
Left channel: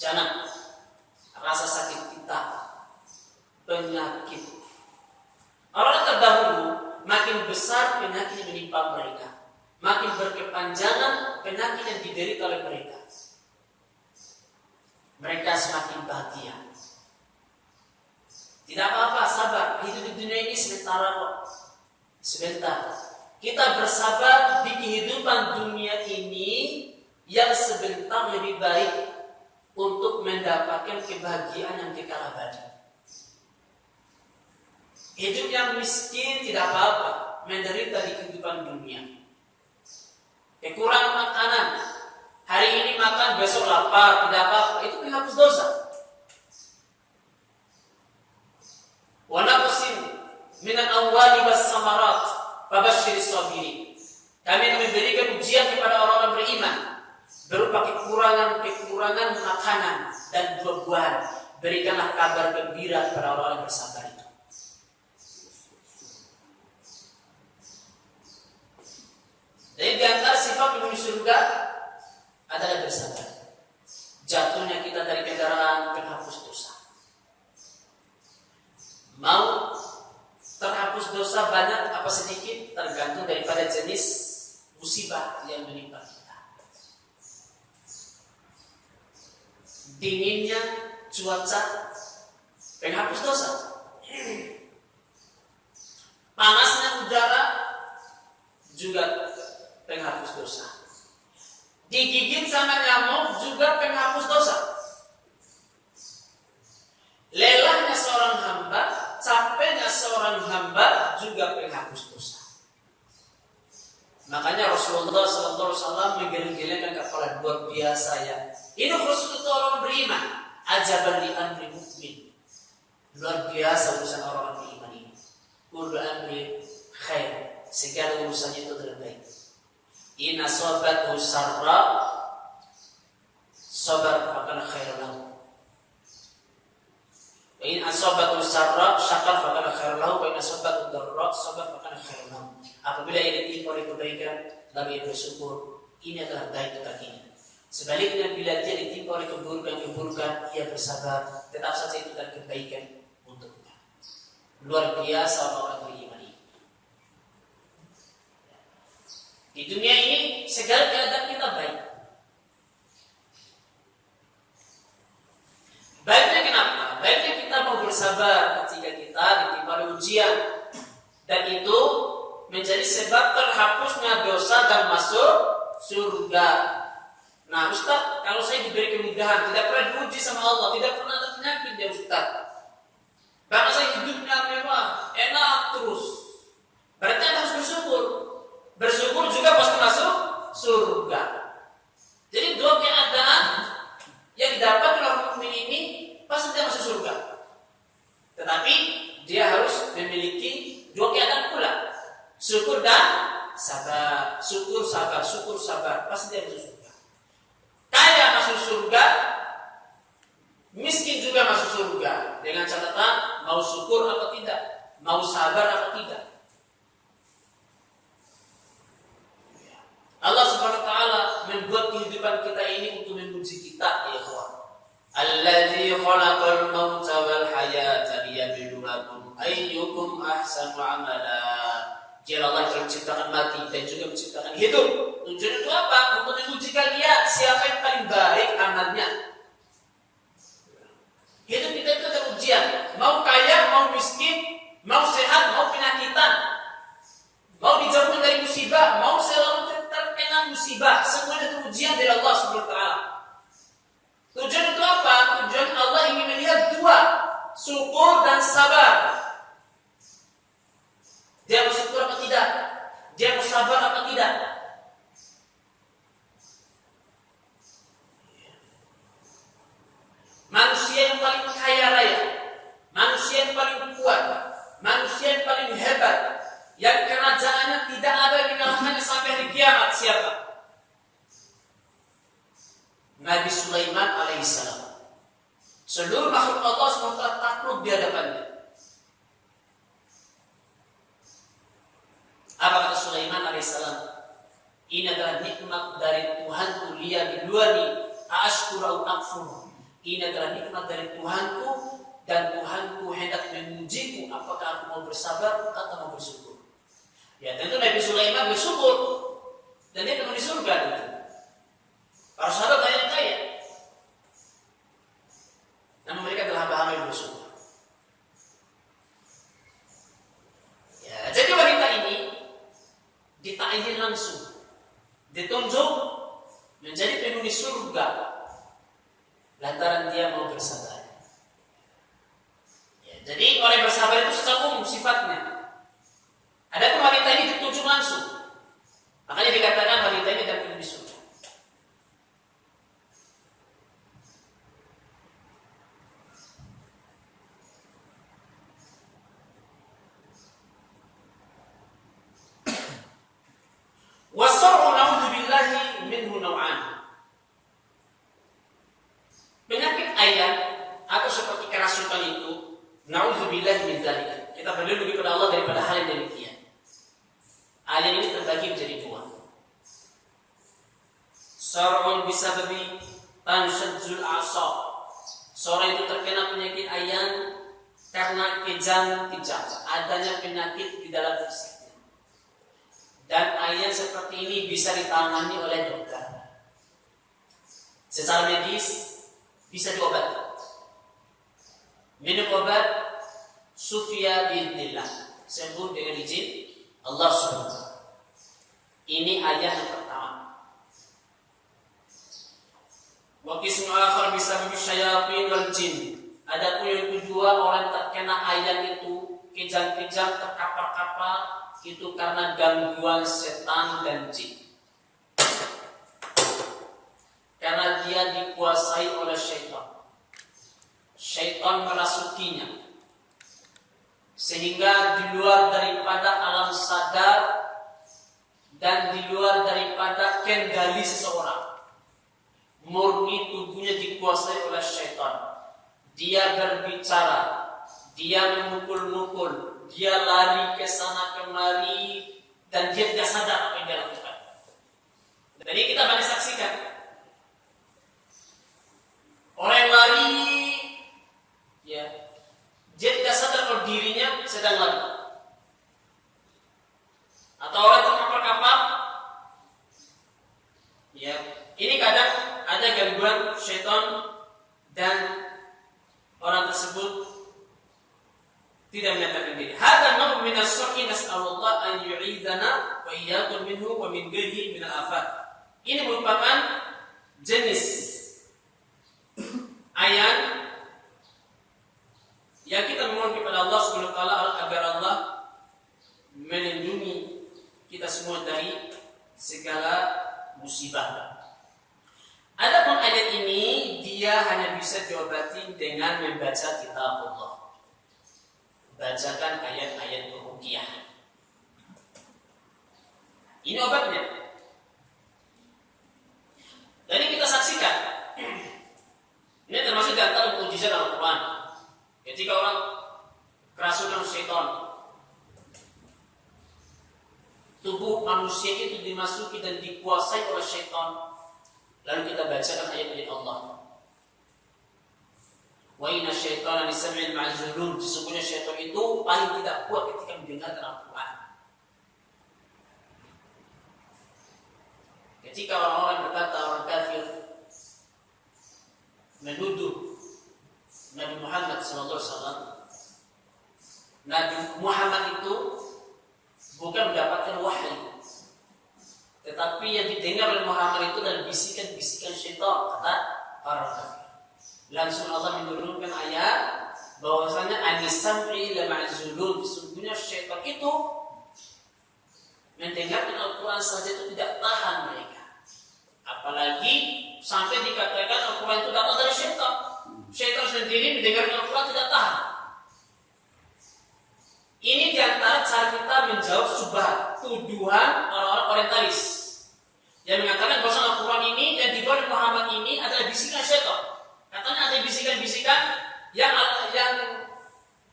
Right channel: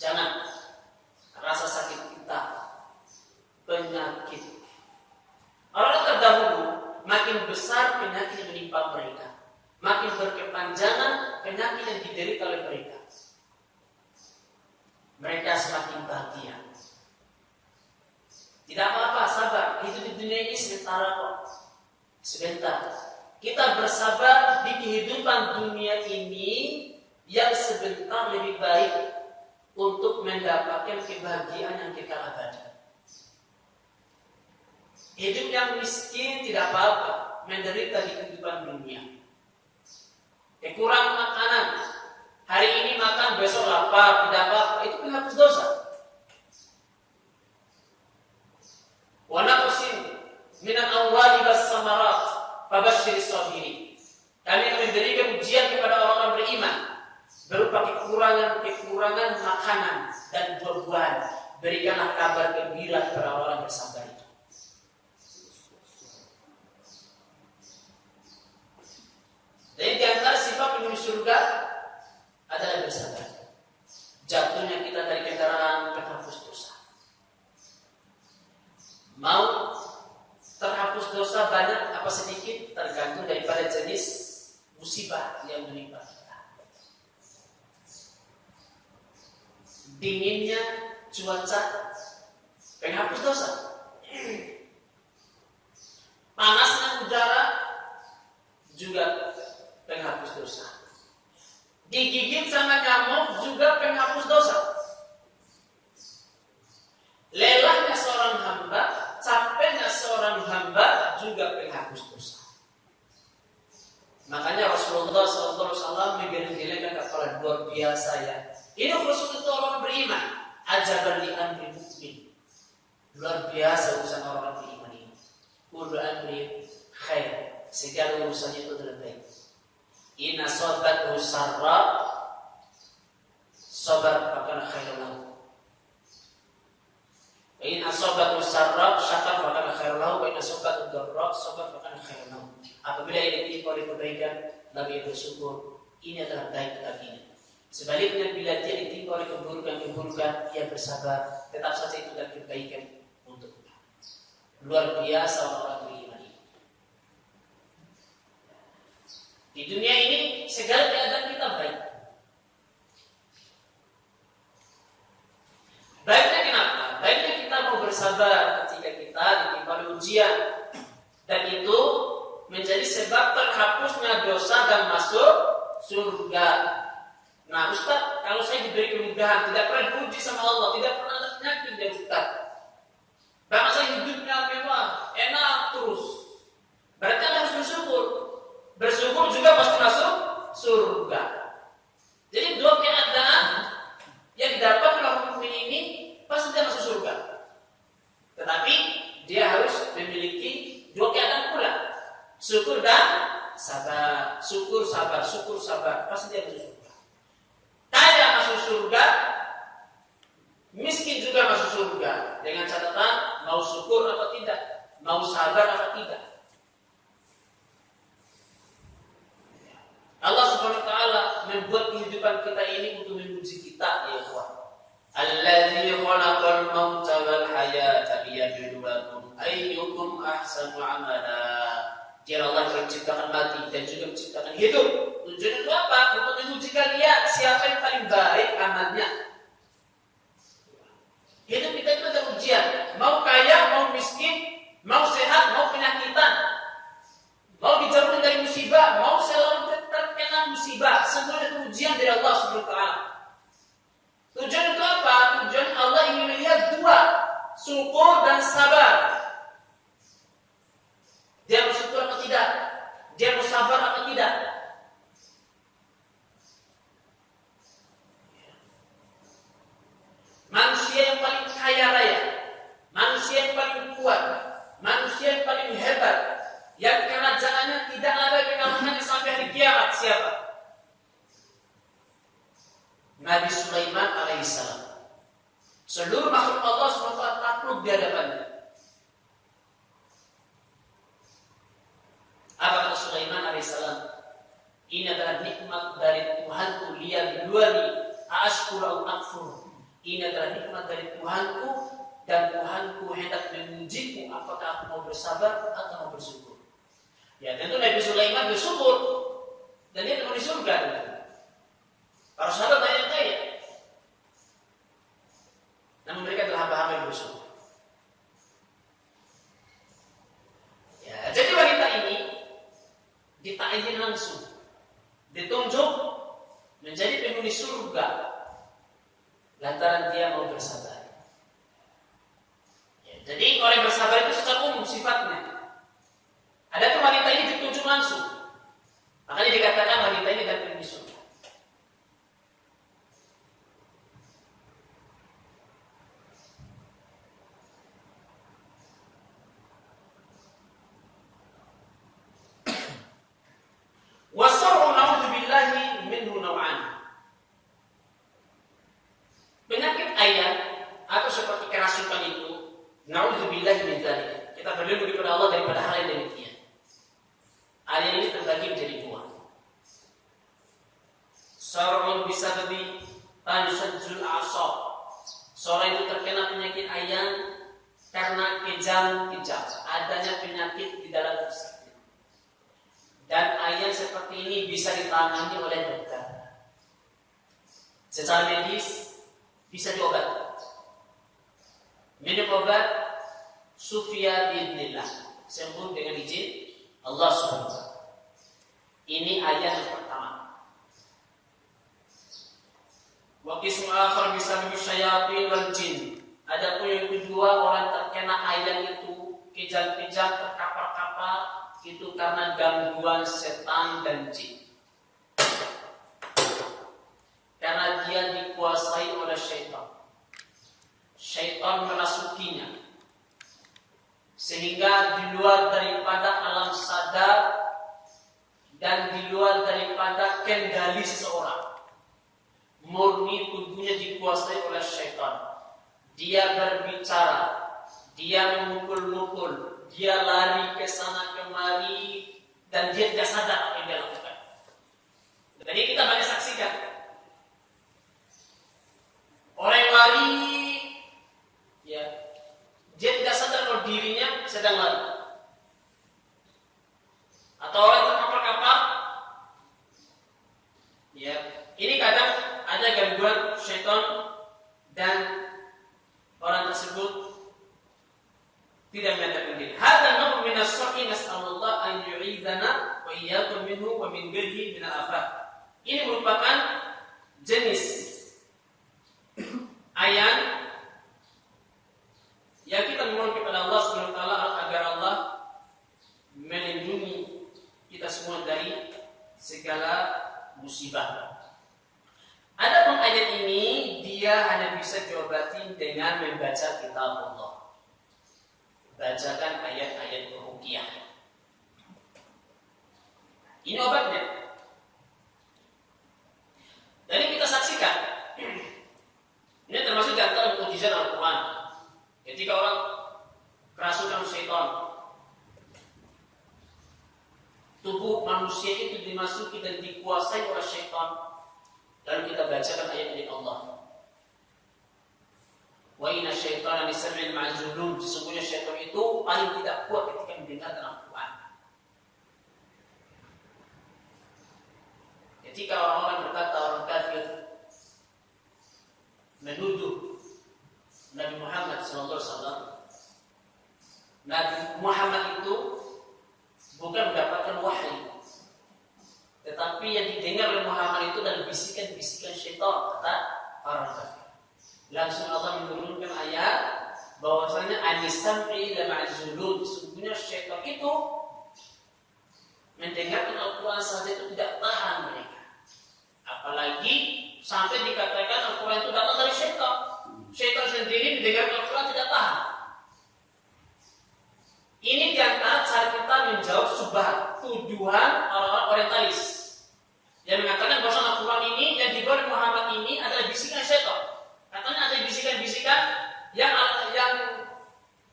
Jangan rasa sakit kita, penyakit. Orang terdahulu makin besar penyakit yang menimpa mereka, makin berkepanjangan penyakit yang diderita oleh mereka. Mereka semakin bahagia. Tidak apa-apa, sabar. Hidup di dunia ini sementara kok. Sebentar. Kita bersabar di kehidupan dunia ini yang sebentar lebih baik untuk mendapatkan kebahagiaan yang kekal abadi. Hidup yang miskin tidak apa-apa, menderita di kehidupan dunia. Kekurangan makanan, hari ini makan, besok lapar, tidak apa-apa, itu penghapus dosa. Wa naqsin minal amwali was samarat fabashshiris sabirin. Kami akan memberikan ujian kepada orang-orang beriman berupa kekurangan makanan dan buah-buahan. berikanlah kabar gembira kepada orang-orang bersabar itu. Jadi di antara sifat penghuni surga adalah bersabar. Jatuhnya kita dari kendaraan penghapus dosa. Mau terhapus dosa banyak apa sedikit tergantung daripada jenis musibah yang menimpa kita. Dinginnya cuaca penghapus dosa. Panasnya udara juga penghapus dosa. Digigit sama nyamuk juga penghapus dosa. Lelahnya seorang hamba, capeknya seorang hamba juga penghapus dosa. Makanya Rasulullah SAW menggeleng-gelengkan kepala luar biasa ya. Ini khusus itu orang beriman. Ajaban li amri mukmin. Luar biasa urusan orang beriman ini. Kullu amri khair. Segala urusannya itu adalah baik. In asabathu sarra sabar fakana khairul lahu. Wa in asabathu sarra syakar fakana khairul lahu. Wa in asabathu darra sabar fakana khairul lahu. Apabila ia ditimpa oleh kebaikan, lalu ia bersyukur, ini adalah baik baginya. Sebaliknya bila dia ditimpa oleh keburukan, ia bersabar, tetap saja itu adalah kebaikan untuknya. Luar biasa orang beriman ini. Di dunia ini segala keadaan kita baik. Baiknya kenapa? Baiknya kita mau bersabar ketika kita ditimpa oleh ujian, dan itu menjadi sebab terhapusnya dosa dan masuk surga. Nah Ustaz, kalau saya diberi kemudahan, tidak pernah diuji sama Allah, tidak pernah ada penyakit ya Ustaz, bahkan saya hidupnya mewah, enak terus, berarti Anda harus bersyukur. Bersyukur juga pasti masuk surga. Jadi dua keadaan yang didapat oleh orang mukmin ini pasti dia masuk surga. Tetapi dia harus memiliki dua keadaan pula. Syukur dan sabar. Syukur sabar, syukur sabar, pasti dia masuk surga. Kaya masuk surga, miskin juga masuk surga. Dengan catatan mau syukur atau tidak, mau sabar atau tidak. Allah Subhanahu wa taala membuat kehidupan kita ini untuk memuji kita, ya ikhwan. Allazi khalaqal mauta wal hayata liyabluwakum ayyukum ahsanu amala. Dia Allah telah menciptakan mati dan juga menciptakan hidup. Tujuan itu apa? Untuk menguji kalian siapa yang paling baik amalnya. Hidup kita itu ada ujian. Mau kaya, mau miskin, mau sehat, mau penyakitan, mau dijauhkan dari musibah, mau selalu terkena musibah, semuanya itu ujian dari Allah Subhanahu wa taala. Tujuan itu apa? Tujuan Allah ingin melihat dua, syukur dan sabar. Dia mau syukur apa tidak? Dia mau sabar apa tidak? Manusia yang paling kaya raya, manusia yang paling kuat, manusia yang paling hebat, yang kerajaannya tidak ada yang mengalahkannya sampai hari kiamat, siapa? Nabi Sulaiman alaihissalam. Seluruh makhluk Allah SWT takluk di hadapannya. Apa kata Sulaiman alaihissalam? Ini adalah nikmat dari Tuhanku liya biduani a'ashkuru au akfur. Ini adalah nikmat dari Tuhanku dan Tuhanku hendak mengujiku apakah aku mau bersabar atau mau bersyukur. Ya tentu Nabi Sulaiman bersyukur dan dia penghuni surga. Para sahabat kaya-kaya, namun mereka telah hamba-hamba yang bersyukur. Ya, jadi wanita ini dita'yin langsung, ditunjuk menjadi penghuni surga lantaran dia mau bersabar. Ya, jadi orang yang bersabar itu secara umum sifatnya. Adapun wanita ini ditunjuk langsung, makanya dikatakan wanita ini dapat penghuni surga. Na'udzubillahi min dzalik. Kita berlindung kepada Allah daripada hal yang demikian. Ayat ini terbagi menjadi dua. Sar'un bisababi tanshadzul a'sab. Seorang itu terkena penyakit ayan karena kejang-kejang, adanya penyakit di dalam fisiknya. Dan ayan seperti ini bisa ditangani oleh dokter. Secara medis bisa diobati. Minum obat sufia biidznillah, sembuh dengan izin Allah SWT. Ini ayat yang pertama. Wa qismu akhar bisababi syayatin wal jin. Adapun yang kedua, orang terkena ayat itu kejang-kejang, terkapar-kapar, itu karena gangguan setan dan jin. Karena dia dikuasai oleh syaitan. Syaitan merasukinya, sehingga di luar daripada alam sadar dan di luar daripada kendali seseorang, murni tubuhnya dikuasai oleh syaitan. Dia berbicara, dia memukul-mukul, dia lari ke sana kemari, dan dia tidak sadar apa yang dia lakukan. Jadi kita banyak saksikan orang yang lari, ya, dia tidak sadar kalau dirinya sedang lari. Atau orang terkapar-kapar, ya, ini kadang ada gangguan syaitan dan orang tersebut tidak menyatakan diri. Hadza naw' min as-sar'i, nas'alullah an yu'idhana wa iyyakum minhu wa min ghairihi min al-afat. Ini merupakan jenis ayat yang kita memohon kepada Allah Subhanahu wa taala agar Allah melindungi kita semua dari segala musibah. Adapun ayat ini dia hanya bisa diobati dengan membaca kitab Allah. Bacakan ayat-ayat ruqyah. Ini obatnya. Dan ini kita saksikan. Ini termasuk di antara mukjizat Al-Quran. Ketika orang kerasukan syaitan, tubuh manusia itu dimasuki dan dikuasai oleh syaitan, lalu kita bacakan ayat-ayat Allah. Wa inna syaitana lisam'in ma'zulun. Sesungguhnya syaitan itu paling tidak kuat ketika mendengarkan Al-Quran. Ketika orang-orang berkata, orang kafir menuduh Nabi Muhammad SAW, Nabi Muhammad itu bukan mendapatkan wahyu, tetapi yang didengar oleh Muhammad itu adalah bisikan-bisikan syaitan, kata orang kafir. Langsung Allah menurunkan ayat bahwasanya anis-sam'i lama'zulun. Sesungguhnya syaitan itu mendengarkan Al-Quran saja itu tidak tahan mereka. Apalagi sampai dikatakan Al-Quran itu datang dari syaitan. Syaitan sendiri mendengarkan Al-Quran tidak tahan. Ini diantara cara kita menjawab subhat, tuduhan orang-orang orientalis yang mengatakan bahwa Al-Quran ini yang dibawa oleh Muhammad ini adalah bisikan syaitan. Katanya ada bisikan-bisikan yang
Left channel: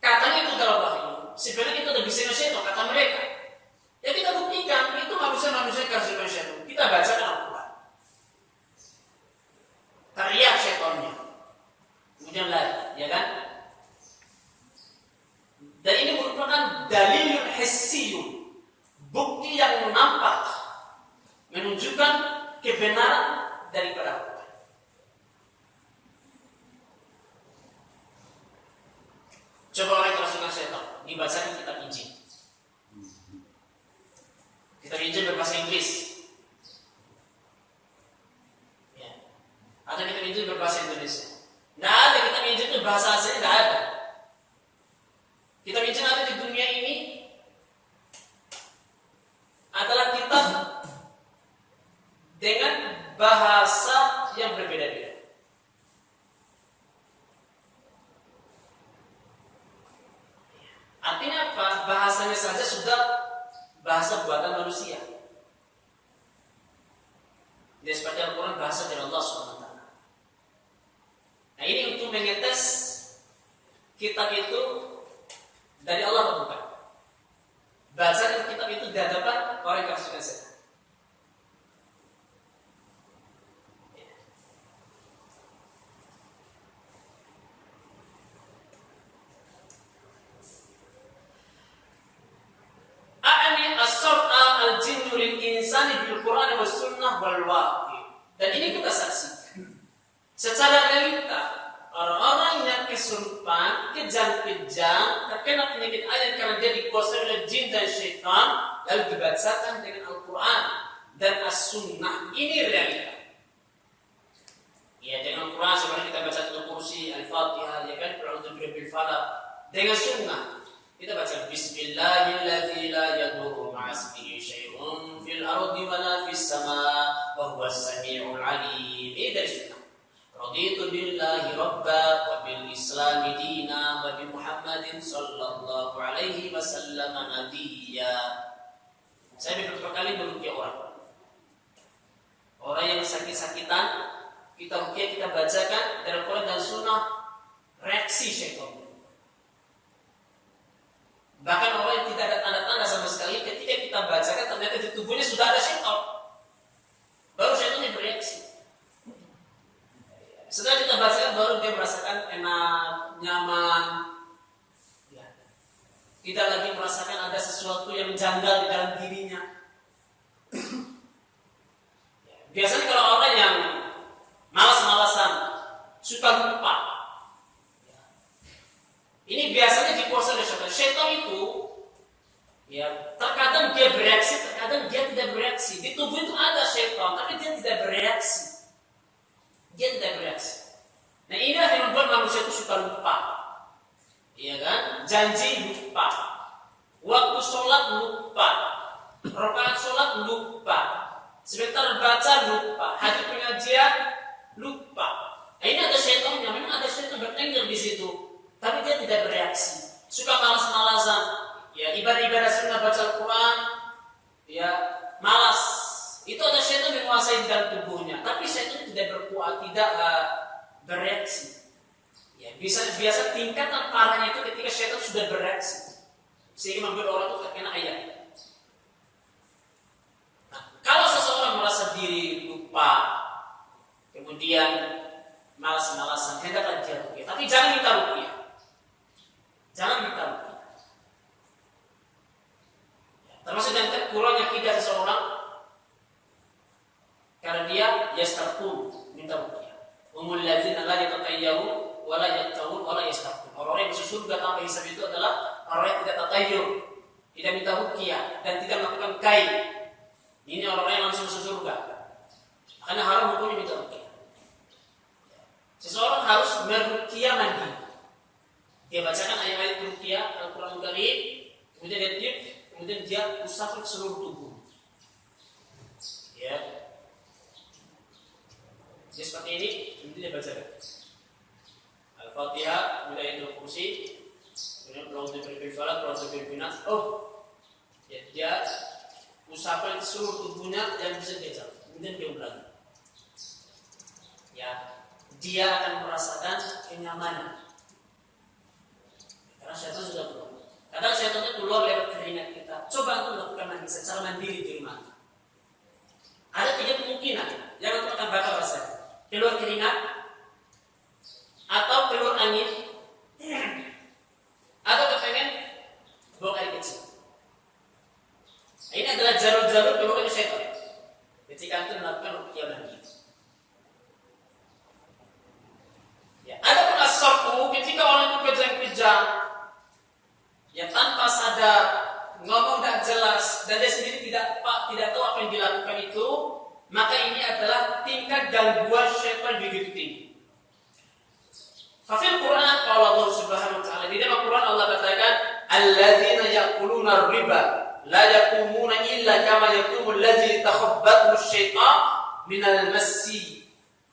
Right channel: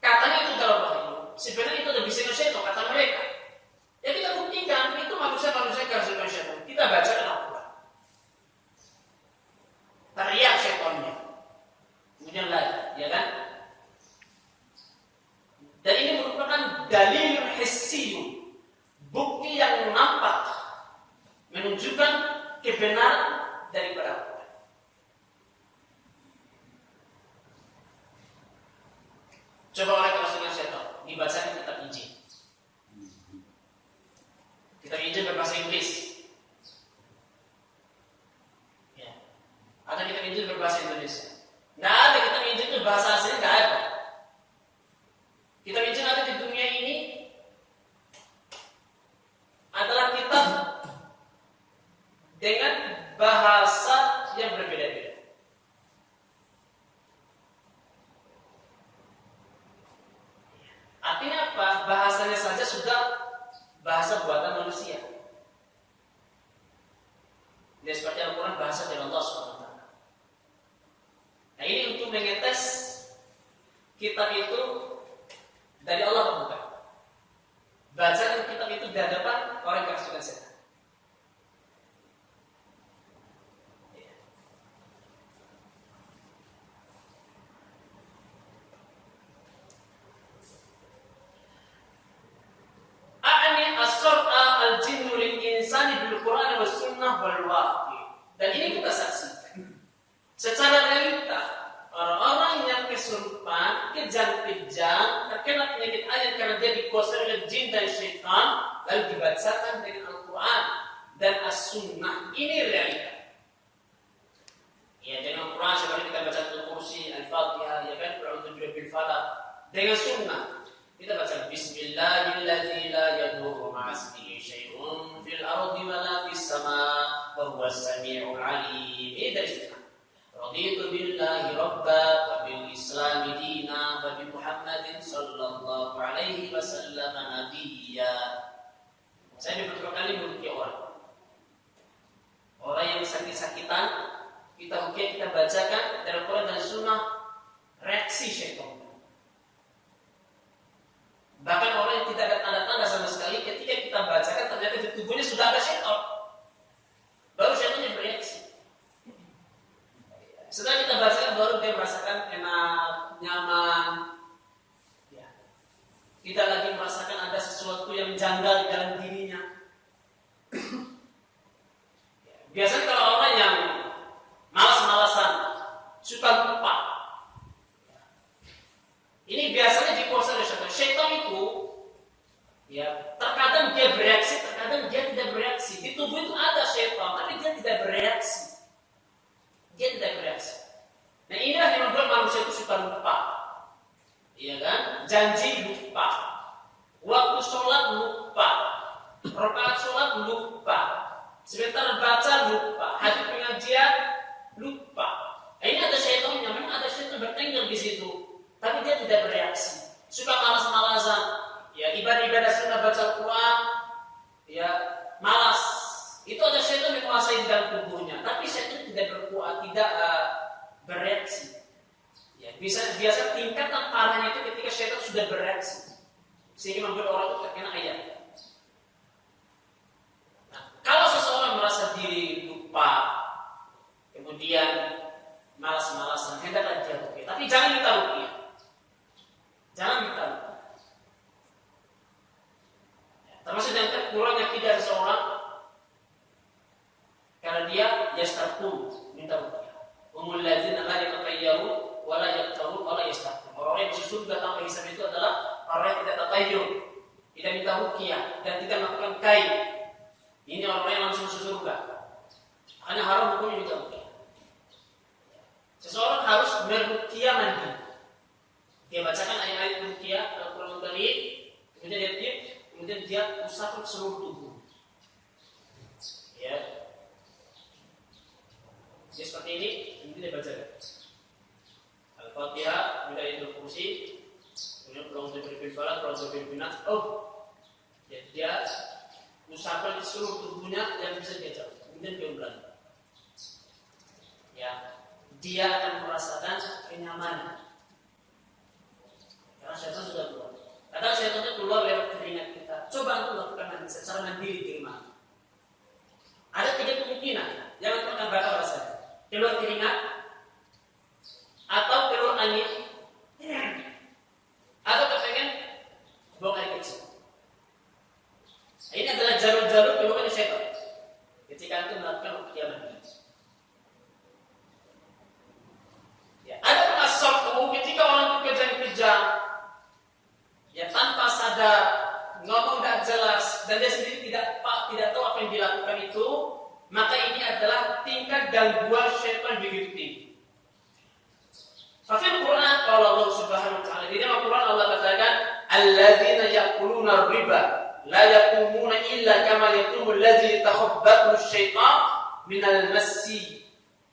katanya itu adalah wahyu. Sebenarnya itu ada bisikan syaitan kata mereka. Ya kita buktikan itu manusia kerasukan syaitan. Kita bacakan Al-Quran. Teriak syaitannya. Kemudian lari, ya kan? Dan ini merupakan dalil hissiyun, bukti yang nampak menunjukkan kebenaran daripada Al-Quran. Coba orang kerasukan syaitan, dibacakan kitab Injil. Kitab Injil berbahasa Inggris. Ya. Ada kitab Injil berbahasa Indonesia. Tidak ada kitab Injil itu bahasa aslinya, tidak ada. Kitab Injil ada di dunia ini adalah kitab dengan bahasa yang berbeda-beda. Artinya apa? Bahasanya saja sudah bahasa buatan manusia. Dia seperti Al-Quran bahasa dari Allah SWT. Nah ini untuk mengetes kitab itu dari Allah atau bukan? Bacakan kitab itu di hadapan orang yang kerasukan setan. A'ani as-sur'a al-jinnu lil insani bil Qur'an was sunnah wal waqi. Dan ini kita saksikan. Secara realita, orang-orang yang kesurupan, kejang-kejang, terkena penyakit ayat karena dia dikuasai oleh jin dan syaitan, lalu dibacakan dengan Al-Quran dan As-Sunnah. Ini realita. Ya, dengan Al-Quran seperti kita baca Al-Kursi, Al-Fatihah, ya kan, A'udzubillahi falaq. Dengan Sunnah, kita baca Bismillahirrahmanirrahim, la yadurru ma'asmihi syai'un fil ardi wa la fis sama' wa huwas sami'ul 'alim. Ini dari Sunnah. Raditu billahi rabba wa bil islami dina wa bi Muhammadin sallallahu alaihi wasallam nabiyya. Saya beberapa kali meruqyah orang yang sakit-sakitan, kita ruqyah, kita bacakan dari Quran dan Sunnah, reaksi syaitan. Bahkan orang yang tidak ada tanda-tanda sama sekali, ketika kita bacakan ternyata di tubuhnya sudah ada syaitan, baru syaitannya bereaksi. Setelah kita bacakan baru dia merasakan enak, nyaman, ya. Tidak lagi merasakan ada sesuatu yang janggal di dalam dirinya. Ya. Biasanya kalau orang yang malas-malasan, suka lupa, ya. Ini biasanya dikuasai oleh syaitan. Syaitan itu, ya, terkadang dia bereaksi, terkadang dia tidak bereaksi. Di tubuh itu ada syaitan, tapi dia tidak bereaksi. Dia tidak bereaksi. Nah, inilah yang membuat manusia itu suka lupa. Iya kan? Janji lupa. Waktu sholat lupa. Rakaat sholat lupa. Sebentar baca lupa. Hadir pengajian lupa. Nah, ini ada syaitannya. Memang ada syaitan bertengger di situ. Tapi dia tidak bereaksi. Suka malas-malasan. Ya, ibadah-ibadah sunnah baca Al-Quran. Ya, malas. Itu ada syaitan yang menguasai di dalam tubuhnya, tapi syaitan tidak berkuat, tidak bereaksi. Ya, biasa tingkatan parahnya itu ketika syaitan sudah bereaksi, sehingga membuat orang itu terkena ayat. Nah, kalau seseorang merasa diri lupa, kemudian malas-malasan, hendaklah dia ruqyah. Tapi jangan minta ruqyah. Jangan minta ruqyah. Ya, termasuk dengan kurangnya akidah seseorang. Karena dia yastarqun, minta ruqyah. Umul ladzina la yatatayyarun wa la yaqtawun wa la yastarqun. Orang yang masuk surga tanpa hisab itu adalah orang yang tidak tatayyur, tidak minta ruqyah dan tidak melakukan kaid. Ini orang yang langsung masuk surga. Karena haram hukumnya minta ruqyah. Seseorang harus meruqyah mandi. Dia bacakan ayat-ayat ruqyah Al-Qur'an Karim, kemudian dia tiup, kemudian dia usapkan seluruh tubuh. Ya. Jadi seperti ini dia bacakan Al-Fatihah, mulai Ayatul Kursi, kemudian A'udzubillahi falaq, A'udzubillahi nas. Ya, dia usapkan seluruh tubuhnya yang bisa dia jauh. Kemudian dia ulangi. Ya, dia akan merasakan kenyamanan. Karena syaitan sudah keluar. Kadang syaitannya keluar lewat keringat kita. Coba untuk lakukan nanti secara mandiri di rumah. Ada 3 kemungkinan yang akan bakal rasakan. Keluar keringat, atau keluar angin, atau kepengen buang air kecil. Ini adalah jalur-jalur keluarnya syaitan ketika Anda melakukan ruqyah mandi. Ya, ada pun as-sarqu ketika orang itu kejang-kejang, ya tanpa sadar, ngomong tidak jelas, dan dia sendiri tidak tahu apa yang dilakukan itu. Maka ini adalah tingkat gangguan syaitan begitu tinggi. Fafil Quran kalau Allah Subhanahu wa taala di dalam Quran Allah katakan alladzina yaquluna riba la yaqumuna illa kama yaqumu alladzi takhabbathu syaitan minal massi.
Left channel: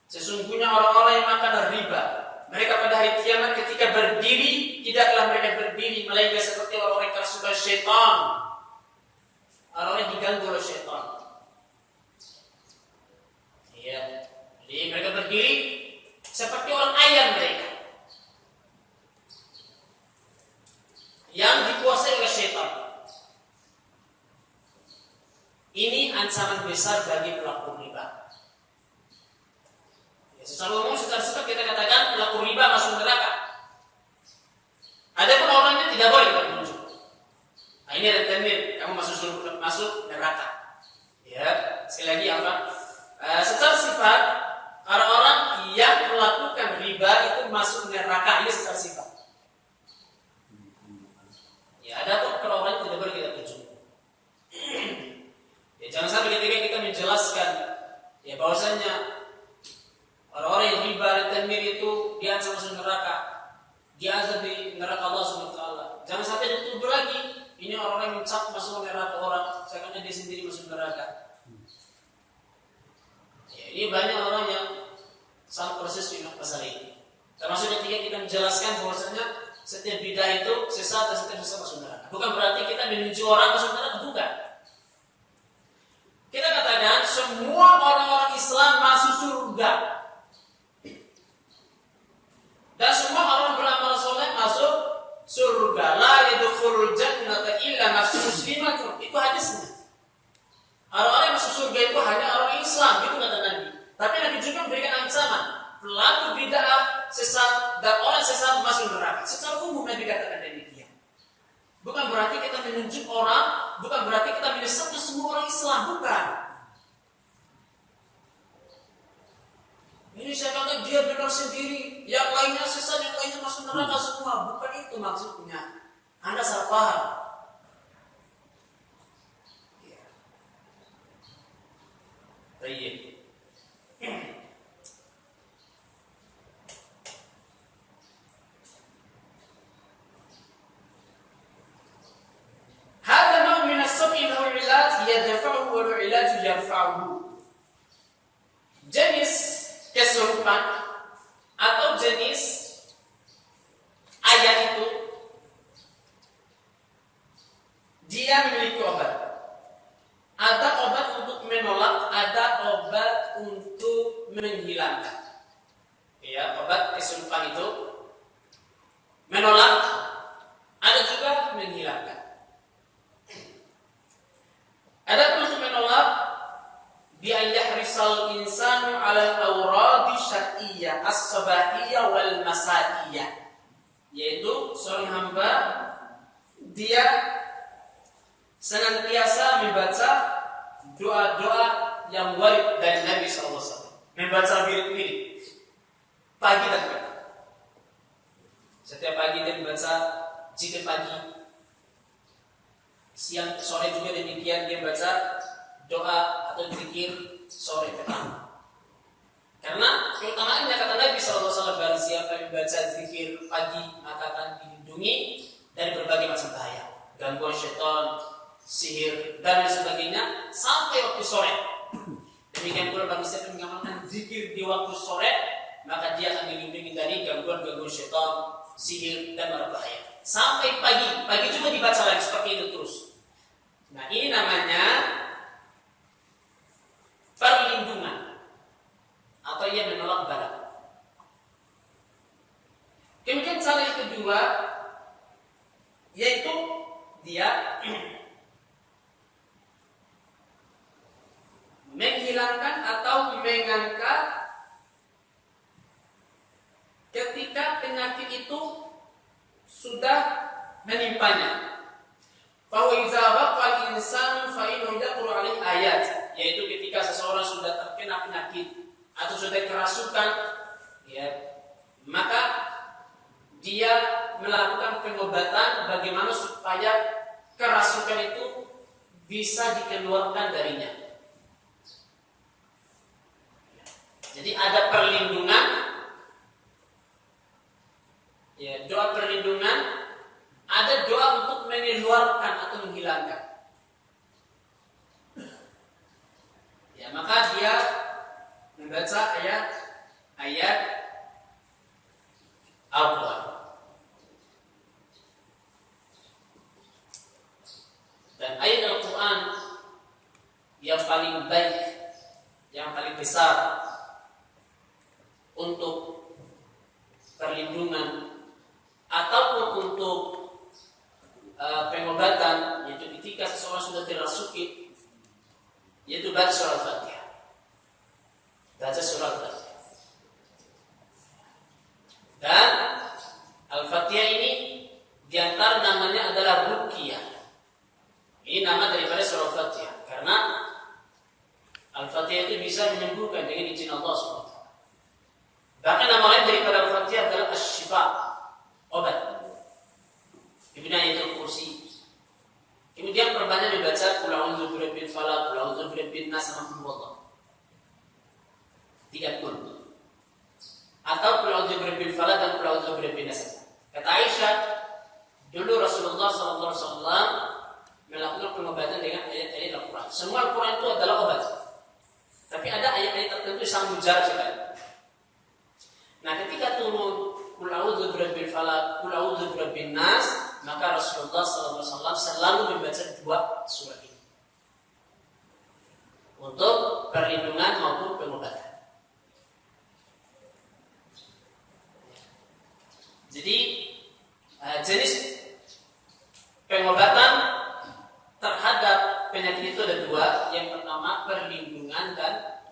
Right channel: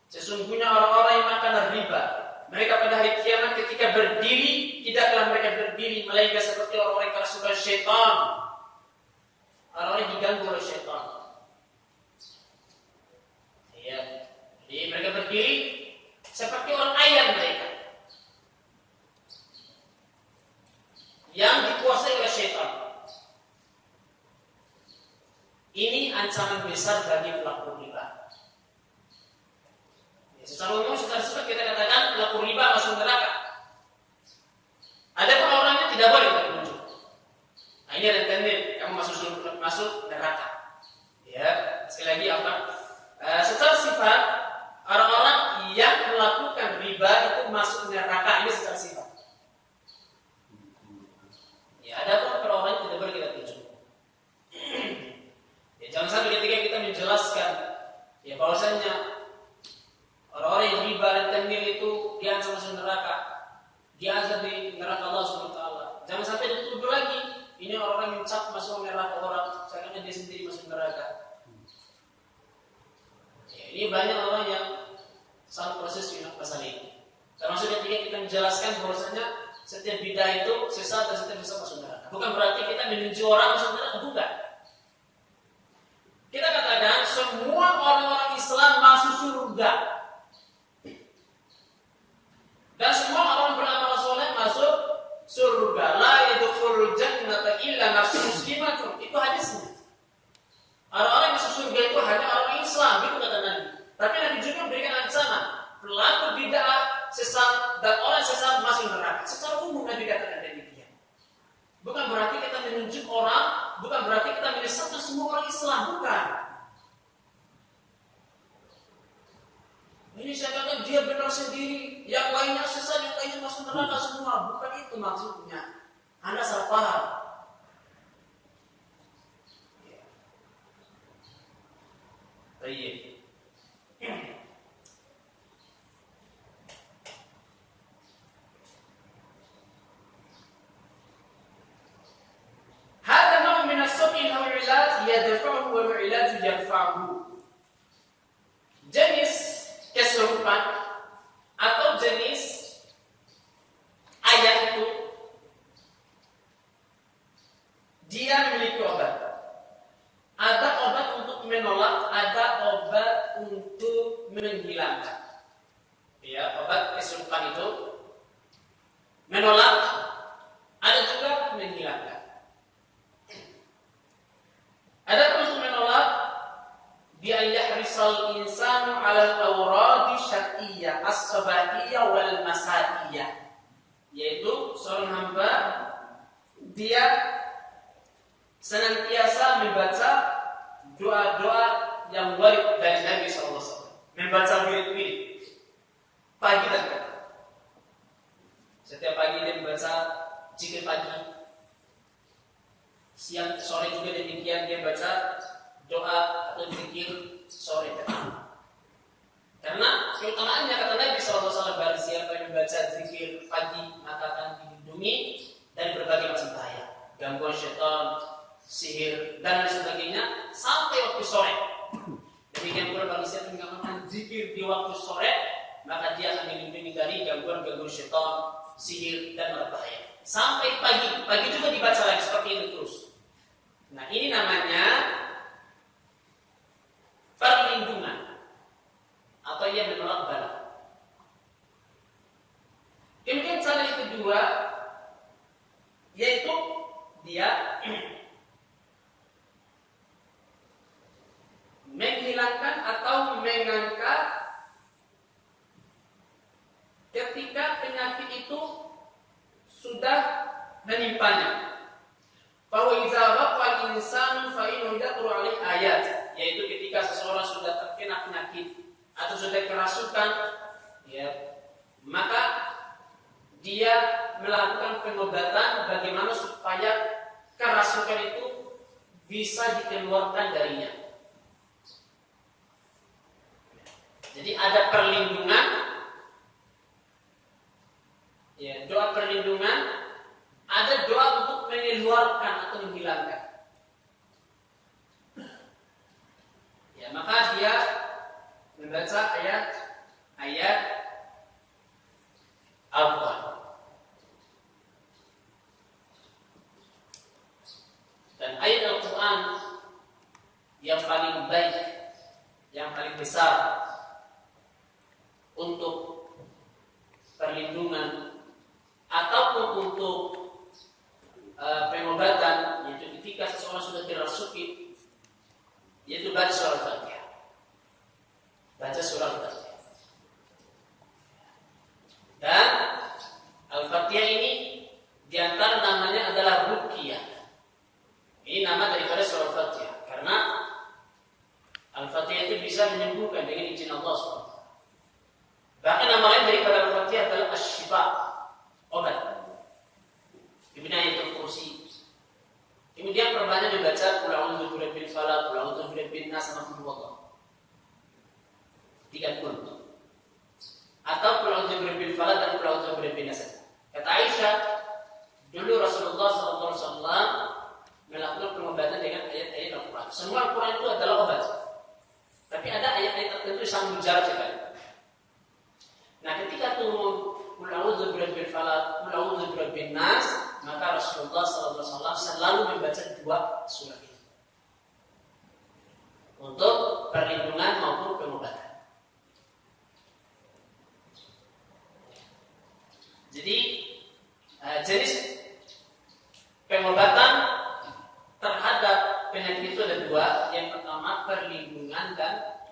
Sesungguhnya orang-orang yang makan riba, mereka pada hari kiamat ketika berdiri tidaklah mereka berdiri melainkan seperti orang-orang yang kerasukan syaitan. Orang-orang yang diganggu oleh syaitan. Ya, jadi mereka berdiri seperti orang ayam mereka. yang dikuasai oleh syaitan. Ini ancaman besar bagi pelaku riba. Ya, secara umum, secara sifat kita katakan pelaku riba masuk neraka. Adapun orangnya tidak boleh kita tunjuk. Nah, ini rentenir, kamu masuk neraka. Ya, sekali lagi apa? Secara sifat orang-orang yang melakukan riba itu masuk neraka, ini secara sifat. Ya, adapun kalau orang tidak boleh kita tunjuk. Ya, jangan sampai ketika kita menjelaskan ya bahwasanya orang-orang yang riba rentenir itu diancam masuk neraka, diazab di neraka Allah SWT. Jangan sampai dituduh lagi ini orang-orang yang masuk neraka orang, seakan dia sendiri masuk neraka. Ya, ini banyak orang yang salah proses di masalah ini. Termasuk ketika kita menjelaskan bahwasanya setiap bidah itu sesat dan setiap sesat masuk neraka. Bukan berarti kita menuju orang masuk neraka, bukan. Kita katakan semua orang-orang Islam masuk surga. Dan semua orang beramal soleh masuk surga. La yadkhulul jannata illa nafsun muslimatun. Itu hadisnya. Orang-orang yang masuk surga itu hanya orang Islam, itu kata Nabi. Tapi Nabi juga memberikan ancaman. Pelaku bid'ah sesat dan orang sesat masuk neraka. Secara umum Nabi katakan demikian. Bukan berarti kita menunjuk orang, bukan berarti kita menyesatkan semua orang Islam, bukan. Ini saya katakan dia benar sendiri, yang lainnya sesat, yang lainnya masuk neraka semua. Bukan itu maksudnya. Anda salah paham. Ya. Baik. Hada naw min as-sab'i lahu 'ilat yadfa'uhu wa 'ilatu yarfa'uhu. Jenis kesurupan atau jenis ayat itu dia memiliki obat. Ada obat untuk menolak, ada obat untuk menghilangkan. Ya, obat kesurupan itu menolak, ada juga menghilangkan. Ada untuk menolak bi an yahrisal insanu 'ala al-awradi syar'iyyah as-sabahiyyah wal masa'iyyah, yaitu seorang hamba dia senantiasa membaca doa-doa yang wajib dari Nabi SAW, membaca wirid-wirid pagi dan petang. Setiap pagi dia membaca zikir pagi, siang sore juga demikian dia baca doa atau zikir sore petang. Karena keutamaannya kata Nabi SAW, barang siapa yang membaca zikir pagi maka akan dilindungi dari berbagai macam bahaya, gangguan syaitan, sihir dan sebagainya sampai waktu sore. Demikian pula barang siapa yang mengamalkan zikir di waktu sore maka dia akan dilindungi dari gangguan-gangguan syaitan, sihir dan berbahaya sampai pagi. Pagi juga dibaca lagi seperti itu terus. Nah, ini namanya perlindungan atau ia menolak bala. Kemudian cara yang kedua yaitu dia menghilangkan atau mengangkat ketika penyakit itu sudah menimpanya. Bahwa idza waqal insanu fa innahu yaqru alaihi ayat, yaitu ketika seseorang sudah terkena penyakit atau sudah kerasukan, ya, maka dia melakukan pengobatan bagaimana supaya kerasukan itu bisa dikeluarkan darinya. Jadi ada perlindungan, ya, doa perlindungan. Ada doa untuk mengeluarkan atau menghilangkan. Ya, maka dia membaca ayat Al-Quran. Dan ayat Al-Quran yang paling baik, yang paling besar untuk perlindungan ataupun untuk surah Al-Fatihah. Baca surah Al-Fatihah. Dan Al-Fatihah ini diantara namanya adalah Ruqyah. Ini nama daripada surah Al-Fatihah. Karena Al-Fatihah itu bisa menyembuhkan dengan izin Allah SWT. Bahkan nama lain daripada Al-Fatihah adalah Asy-Syifa, obat. Ibn Ayatul Kursi. Kemudian perbanyak dibaca Qul a'udzu birabbil falaq, Qul a'udzu birabbin nas, sama Qul huwallah. 3 Qul. Atau Qul a'udzu birabbil falaq dan Qul a'udzu birabbin nas. Kata Aisyah, dulu Rasulullah SAW melakukan pengobatan dengan ayat-ayat Al-Quran. Semua Al-Quran itu adalah obat. Tapi ada ayat-ayat tertentu yang mujarab sekali. Nah, ketika turun Qul a'udzu birabbil falaq, Qul a'udzu birabbin nas, maka Rasulullah SAW selalu membaca 2 surah ini untuk perlindungan maupun pengobatan. Jadi jenis pengobatan terhadap penyakit itu ada 2. Yang pertama perlindungan dan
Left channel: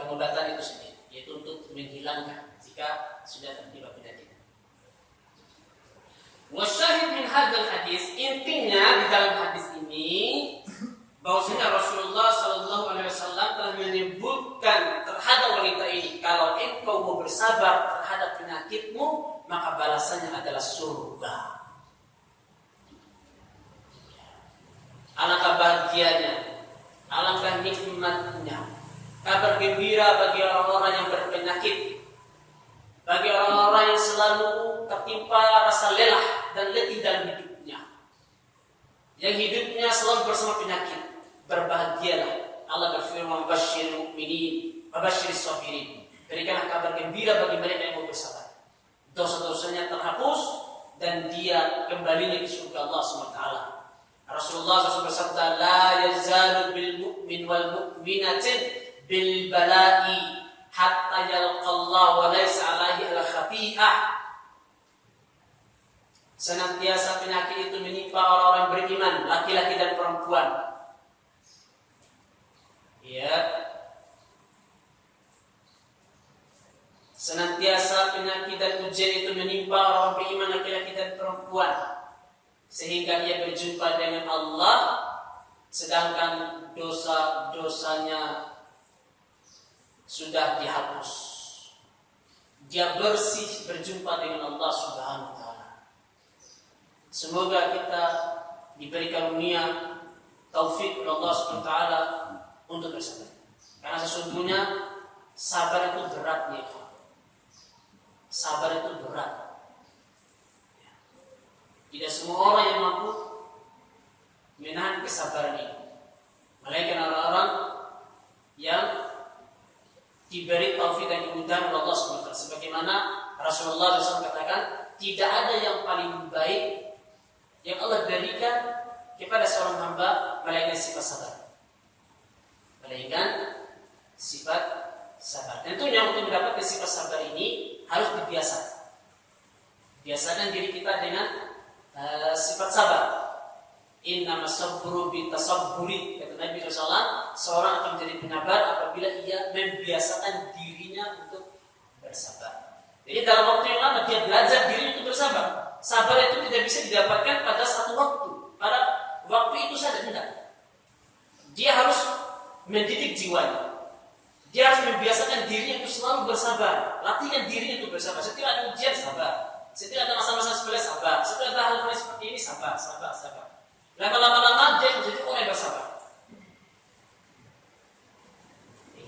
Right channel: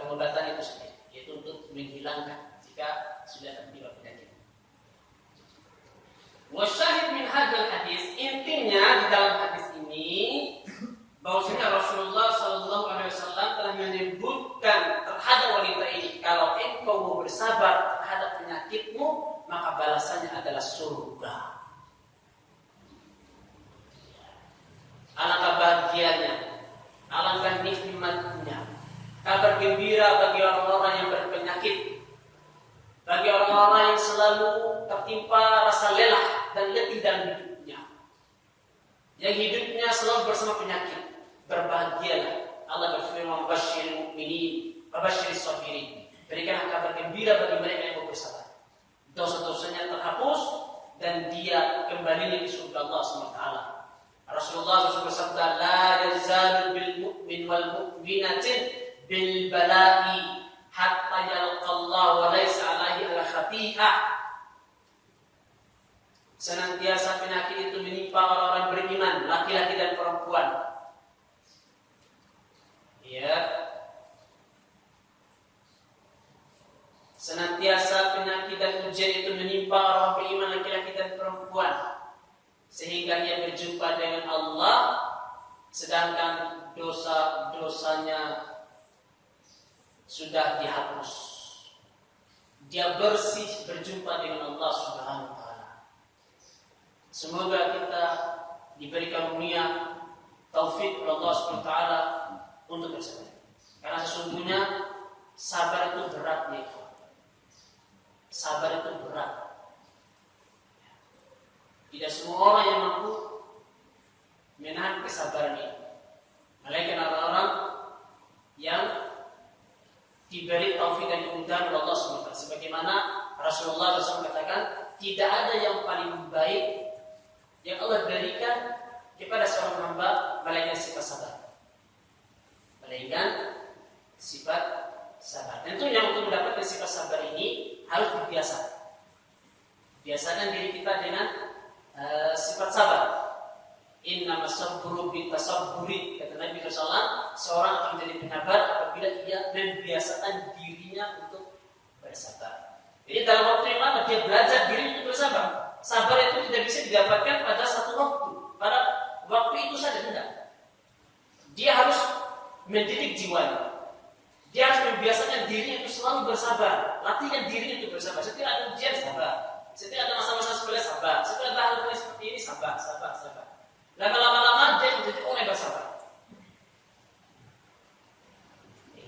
pengobatan itu sendiri, yaitu untuk menghilangkan jika sudah tertimpa penyakit. Wasyahid min hadzal hadis, intinya di dalam hadis ini bahwasanya Rasulullah SAW telah menyebutkan terhadap wanita ini, kalau engkau mau bersabar terhadap penyakitmu, maka balasannya adalah surga. Alangkah bahagianya, alangkah nikmatnya, kabar gembira bagi orang-orang yang berpenyakit, bagi orang-orang yang selalu tertimpa rasa lelah dan letih dalam hidupnya, yang hidupnya selalu bersama penyakit. Berbahagialah. Allah berfirman, "Basyiril mu'minin wa basyiris sabirin." Berikanlah kabar gembira bagi mereka yang mau bersabar. Dosa-dosanya terhapus dan dia kembalinya di surga Allah SWT. Rasulullah SAW bersabda, "La yazalu bil mu'min wal mu'minatin bil bala'i hatta yalqallah wa laysa alaihi illa khati'ah." Senantiasa penyakit itu menimpa orang-orang beriman, laki-laki dan perempuan. Ya. Senantiasa penyakit dan ujian itu menimpa orang beriman, laki-laki dan perempuan, sehingga ia berjumpa dengan Allah, sedangkan dosa-dosanya sudah dihapus. Dia bersih berjumpa dengan Allah Subhanahu wa taala. Semoga kita diberi karunia taufik oleh Allah Subhanahu wa taala untuk bersabar. Karena sesungguhnya sabar itu berat ya. Sabar itu berat. Tidak semua orang yang mampu menahan kesabaran ini. Melainkan orang-orang yang diberi taufik dan kemudahan oleh Allah SWT. Sebagaimana Rasulullah SAW katakan, tidak ada yang paling baik yang Allah berikan kepada seorang hamba melainkan sifat sabar. Melainkan sifat sabar. Tentunya untuk mendapatkan sifat sabar ini harus dibiasakan. Biasakan diri kita dengan sifat sabar. Innama sabru bi tasabburi, kata Nabi SAW, seorang akan menjadi penyabar apabila ia membiasakan dirinya untuk bersabar. Jadi dalam waktu yang lama dia belajar diri untuk bersabar. Sabar itu tidak bisa didapatkan pada satu waktu, pada waktu itu saja tidak. Dia harus mendidik jiwanya. Dia harus membiasakan dirinya untuk selalu bersabar. Latihkan dirinya untuk bersabar. Setiap ada ujian sabar. Setiap ada masa-masa sebelah sabar. Setiap ada hal-hal seperti ini sabar. Lama-lama dia menjadi orang yang bersabar.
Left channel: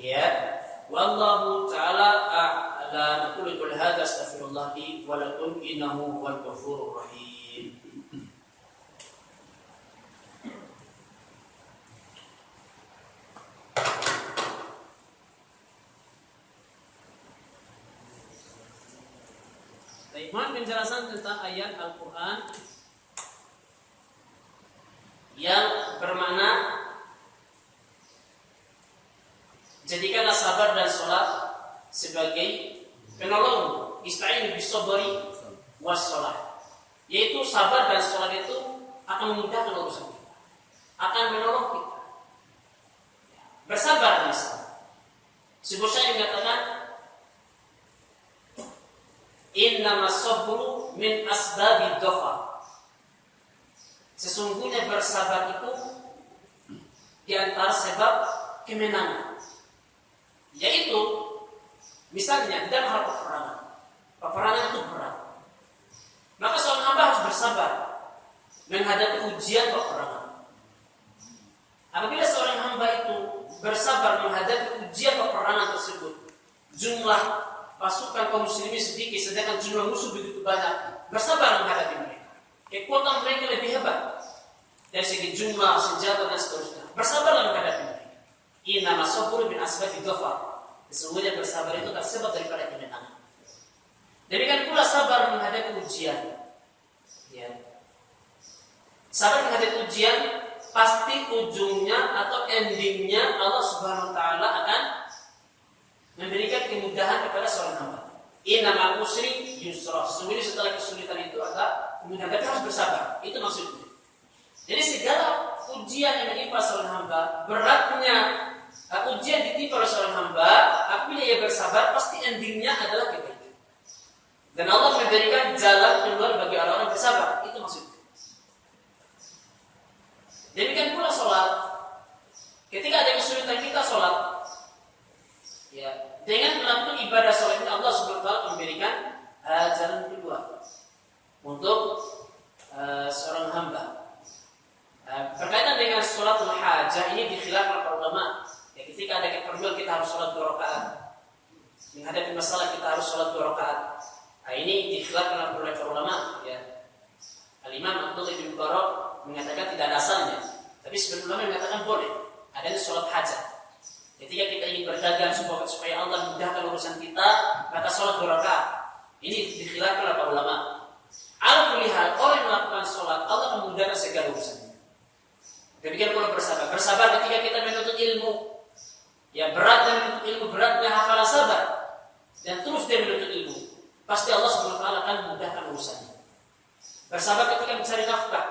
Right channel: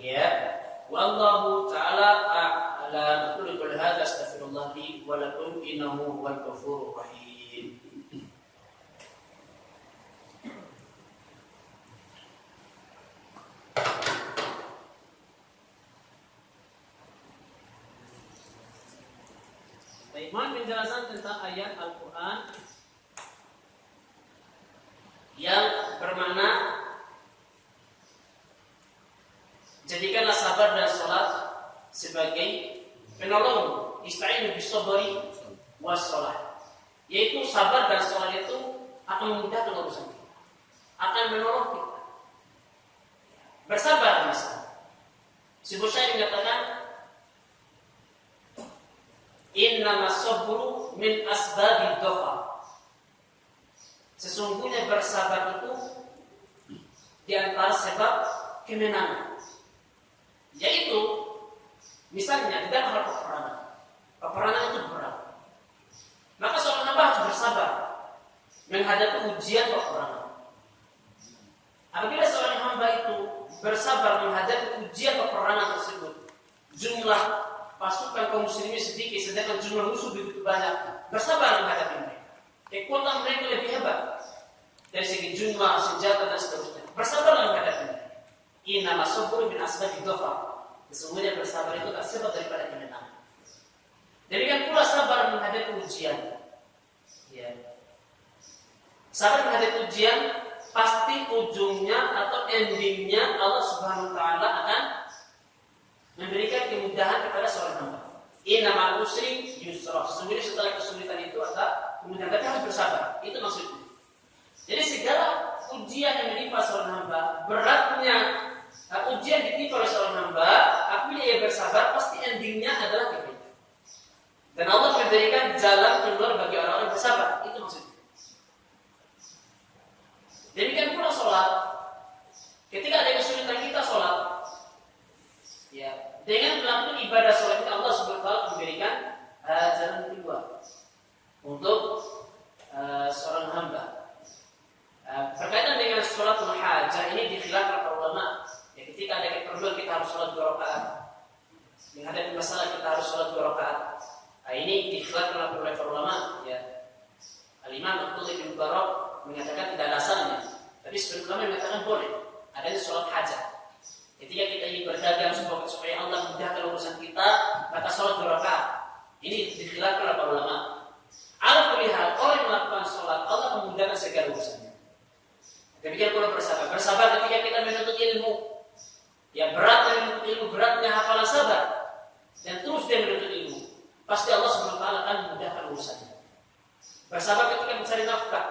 Ya, wallahu taala a'lam. Qul hadza astaghfirullah li wa lakum innahu huwal ghafurur rahim. Mohon penjelasan tentang ayat Al-Quran yang bermakna jadikanlah sabar dan sholat sebagai penolong. Ista'inu bis-sabri was-sholat, yaitu sabar dan sholat itu akan memudahkan urusan kita, akan menolong kita. bersabar misalnya. Sebuah syair mengatakan, innama sabru min asbabi dhafa. Sesungguhnya bersabar itu di antara sebab kemenangan. Yaitu misalnya dalam hal peperangan. Peperangan itu berat. Maka seorang hamba harus bersabar menghadapi ujian peperangan. Apabila seorang hamba itu bersabar menghadapi ujian peperangan tersebut, jumlah pasukan kaum muslimin sedikit, sedangkan jumlah musuh begitu banyak, bersabar menghadapi mereka. Kekuatan mereka lebih hebat dari segi jumlah, senjata dan seterusnya. Bersabarlah menghadapi mereka. Innama sabru min asbabi dhafa. Sesungguhnya bersabar itu adalah sebab daripada kemenangan. Demikian pula sabar menghadapi ujian. Ya. Sabar menghadapi ujian pasti ujungnya atau endingnya Allah Subhanahu wa taala akan memberikan kemudahan kepada seorang hamba. Innamal usri yusra. Sesungguhnya setelah kesulitan itu ada kemudahan, tapi harus bersabar. Itu maksudnya. Jadi segala ujian yang menimpa seorang hamba, beratnya ujian ditimpa oleh seorang hamba, apabila ia bersabar, pasti endingnya adalah kebaikan. Dan Allah memberikan jalan keluar bagi orang-orang bersabar. Itu maksudnya. Demikian pula sholat. Ketika ada kesulitan kita sholat, ya, dengan melakukan ibadah sholat itu Allah SWT memberikan jalan keluar untuk seorang hamba. Berkaitan dengan sholatul hajah ini dikhilafkan para ulama. Ya, ketika ada keperluan kita harus sholat 2 rakaat. Menghadapi masalah kita harus sholat 2 rakaat. Ini dikhilafkan oleh para ulama. Ya. Al-Imam Abdullah bin Mubarak mengatakan tidak ada asalnya, tapi sebagian ulama mengatakan boleh. Adanya sholat hajat. Ketika kita ingin berdagang supaya Allah mudahkan urusan kita, maka sholat 2 rakaat. Ini dikhilafkan oleh para ulama. Al-Qulihal, orang yang melakukan sholat, Allah memudahkan segala urusannya. Demikian pula bersabar. Bersabar ketika kita menuntut ilmu. Ya, berat menuntut ilmu, beratnya hafalan sabar. Dan terus dia menuntut ilmu. Pasti Allah SWT akan memudahkan urusannya. Bersabar ketika mencari nafkah.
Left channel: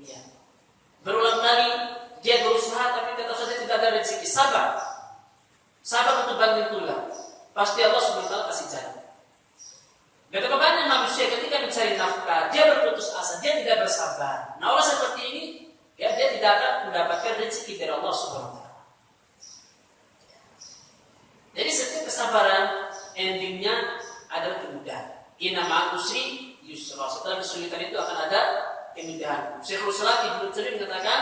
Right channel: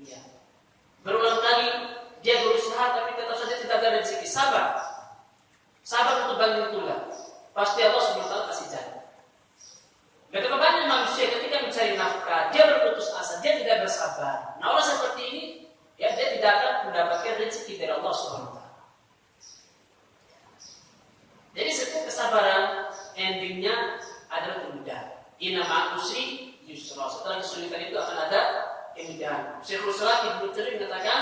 Ya. Berulang kali dia berusaha tapi tetap saja tidak ada rezeki. Sabar. Sabar untuk bangun tulang. Pasti Allah SWT kasih jalan. Betapa banyak manusia ketika mencari nafkah, dia berputus asa, dia tidak bersabar. Nah, orang seperti ini, ya, dia tidak akan mendapatkan rezeki dari Allah SWT. Jadi setiap kesabaran endingnya adalah kemudahan. Innama usri yusra. Setelah kesulitan itu akan ada kemudahan. Syekhul Islam Ibnu Taimiyah mengatakan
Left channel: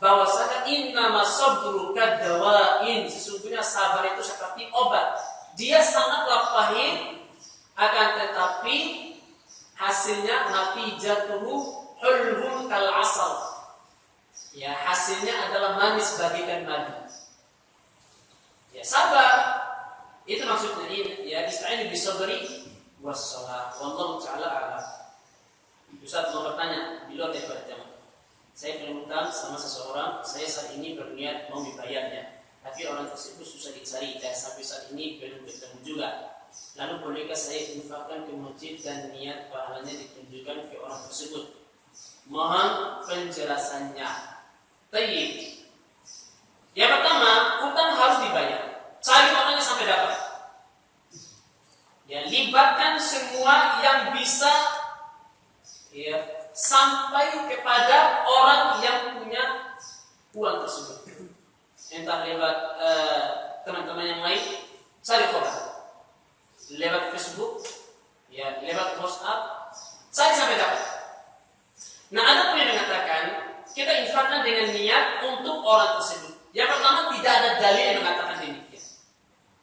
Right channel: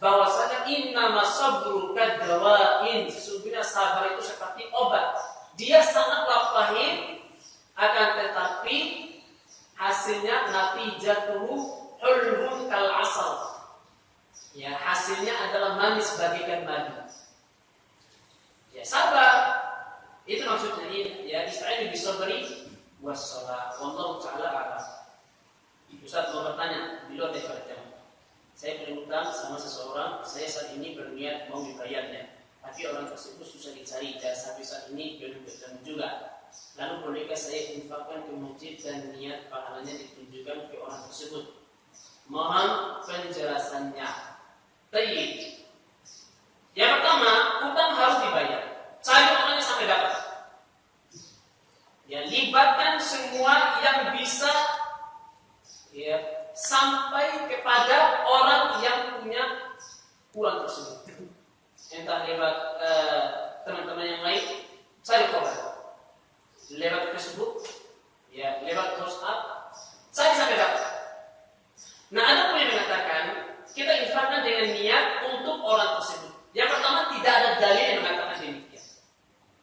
bahwasanya innama sabru kadawa'in. Sesungguhnya sabar itu seperti obat. Dia sangatlah pahit, akan tetapi hasilnya natijatuhu hulhun kal asal. Ya, hasilnya adalah manis bagikan madu. Ya, sabar itu maksudnya ini, ya, ista'inu bisabri wassalah. Wallahu ta'ala a'lam. Ustaz mau bertanya di luar daripada tema. Saya punya utang sama seseorang, saya saat ini berniat mau dibayarnya, tapi orang tersebut susah dicari dan sampai saat ini belum bertemu juga. Lalu bolehkah saya infakkan ke masjid dan niat pahalanya ditunjukkan ke orang tersebut? Mohon penjelasannya. Baik. Yang pertama, utang harus dibayar. Cari orangnya sampai dapat. Ya, libatkan semua yang bisa, ya, sampai kepada orang yang punya uang tersebut. Entah lewat teman-teman yang lain, cari korban. Lewat Facebook, ya, lewat WhatsApp, cari sampai dapat. Nah, ada pun yang mengatakan kita infakkan dengan niat untuk orang tersebut. Yang pertama, tidak ada dalil yang mengatakan demikian.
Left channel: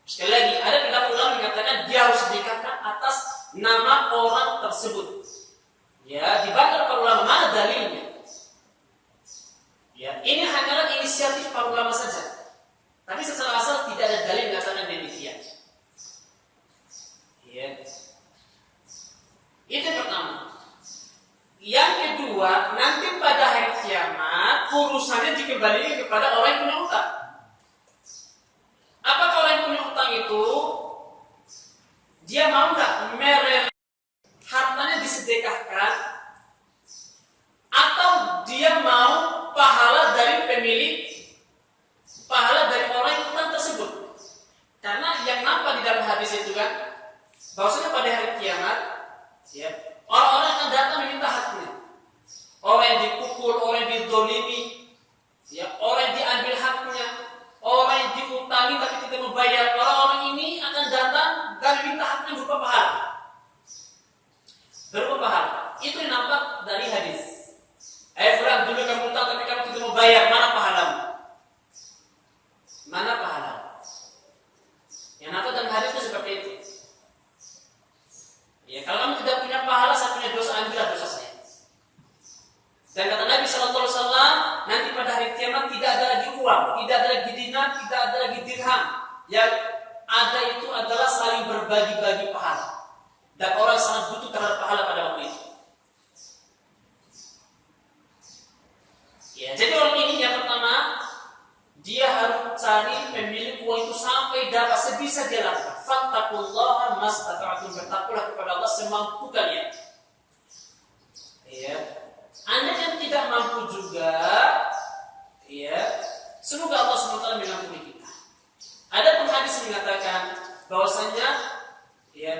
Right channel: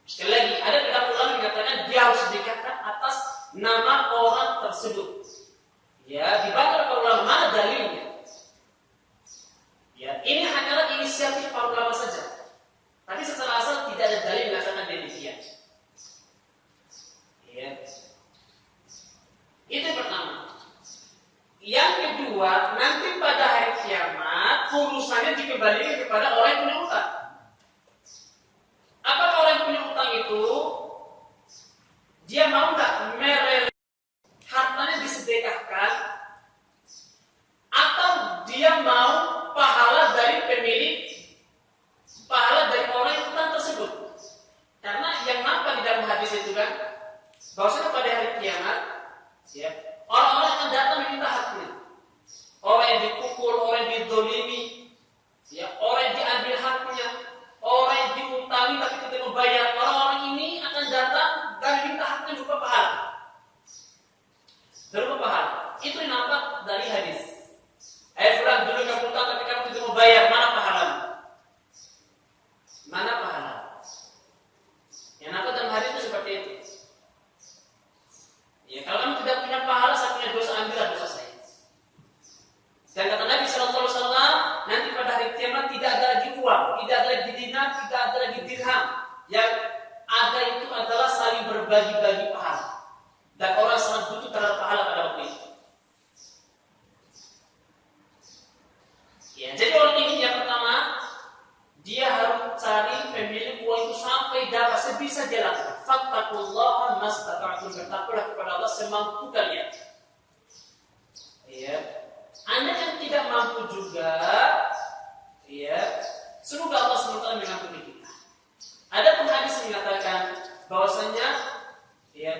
Sekali lagi, ada pendapat ulama yang mengatakan dia harus dikatakan atas nama orang tersebut. Ya, dibantah para ulama, mana dalilnya? Ya, ini hanyalah inisiatif para ulama saja. Tapi secara asal tidak ada dalil yang mengatakan demikian. Ya. Itu yang pertama. Yang kedua, nanti pada hari kiamat urusannya dikembalikan kepada orang yang punya utang. Apakah orang yang punya utang itu dia mau nggak merela hartanya disedekahkan, atau dia mau pahala dari pemilik Itu yang nampak dari hadis. Fulan dulu kamu utang tapi kamu tidak mau bayar, mana pahalamu? Mana pahalamu? Yang nampak dalam hadis itu seperti itu. Ya, kalau kamu tidak punya pahala, saya punya dosa, ambillah dosa saya. Dan kata Nabi Sallallahu Alaihi Wasallam, nanti pada hari kiamat tidak ada lagi uang, tidak ada lagi dinar, tidak ada lagi dirham. Yang ada itu adalah saling berbagi-bagi pahala. Dan orang sangat butuh terhadap pahala pada waktu itu. Ya, jadi orang ini yang pertama, dia harus cari pemilik uang itu sampai dapat sebisa dia lakukan. Fattaqullaha mastata'tum, bertakwalah kepada Allah semampu kalian. Ya. Anda yang tidak mampu juga, ya, semoga Allah SWT mengampuni kita. Ada pun hadis mengatakan bahwasanya, ya,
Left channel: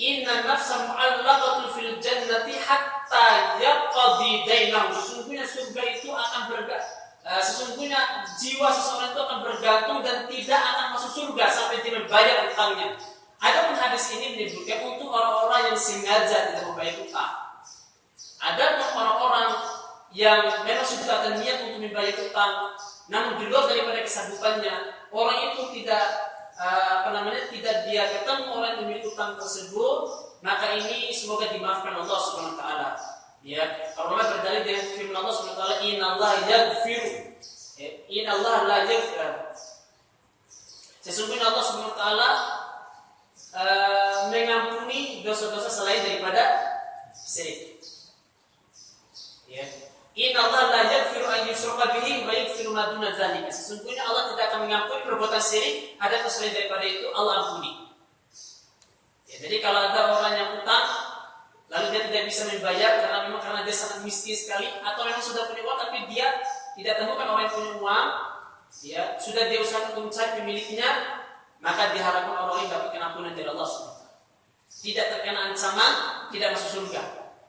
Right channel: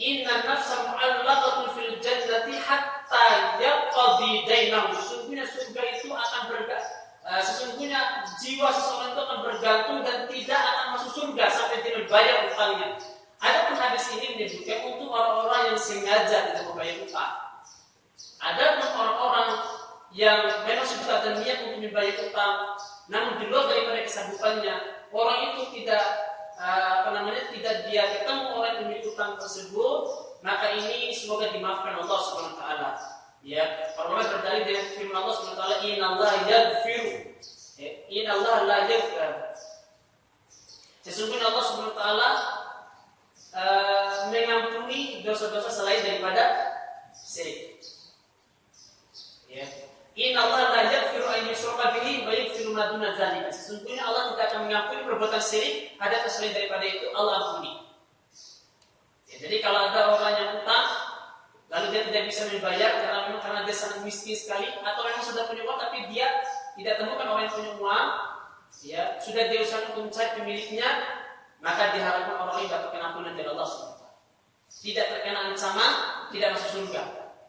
inna nafsa mu'allaqatun fil jannati hatta yaqdi dainahu. Sesungguhnya surga itu akan sesungguhnya jiwa seseorang itu akan bergantung dan tidak akan masuk surga sampai dia membayar utangnya. Ada pun hadis ini menyebutkan untuk orang-orang yang sengaja tidak membayar utang. Ada pun orang-orang yang memang sudah ada niat untuk membayar utang, namun di luar daripada kesanggupannya, orang itu tidak tidak dia ketemu orang yang memiliki utang tersebut, maka ini semoga dimaafkan Allah Subhanahu wa taala. Ya, Allah berdalil dengan firman Allah Subhanahu wa taala, "Innallaha yaghfiru." Innallaha la yaghfir. Sesungguhnya Allah Subhanahu wa taala mengampuni dosa-dosa selain daripada syirik. Ya. Innallaha la yaghfiru an yushraka bihi wa yaghfiru ma duna dzalika. Sesungguhnya Allah tidak akan mengampuni perbuatan syirik, ada selain daripada itu Allah ampuni. Ya, jadi kalau ada orang yang utang lalu dia tidak bisa membayar karena dia sangat miskin sekali, atau memang sudah punya uang tapi dia tidak temukan orang yang punya uang, ya, sudah dia usahakan untuk mencari pemiliknya, maka diharapkan orang ini dapat ampunan dari Allah SWT. Tidak terkena ancaman, tidak masuk surga.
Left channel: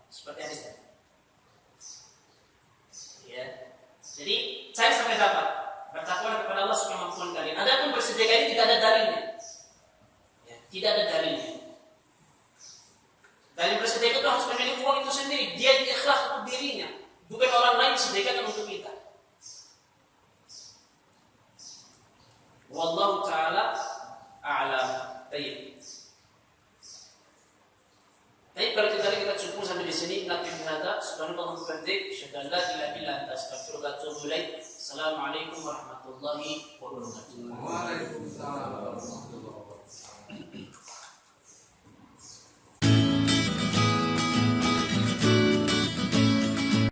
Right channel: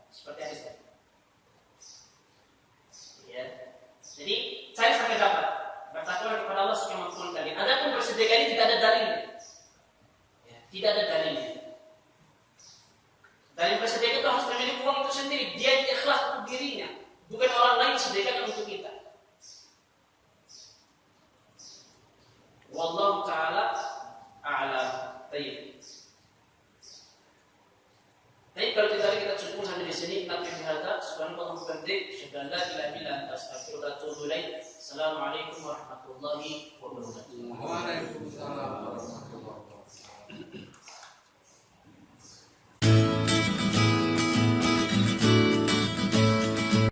Seperti hadis tadi. Ya. Jadi cari sampai dapat. Bertakwalah kepada Allah supaya mengampuni kalian. Adapun bersedekah ini tidak ada dalilnya. Ya, tidak ada dalilnya. Dan bersedekah itu harus memiliki uang itu sendiri. Dia ikhlas untuk dirinya, bukan orang lain sedekahkan untuk kita. Wallahu ta'ala a'lam. Baik. Baik, kalau kita cukup sampai di sini. Nanti berhadap subhanallah wa bihamdihi, asyhadu an la ilaha illa anta, astaghfiruka wa atubu ilaik. Assalamualaikum warahmatullahi wabarakatuh.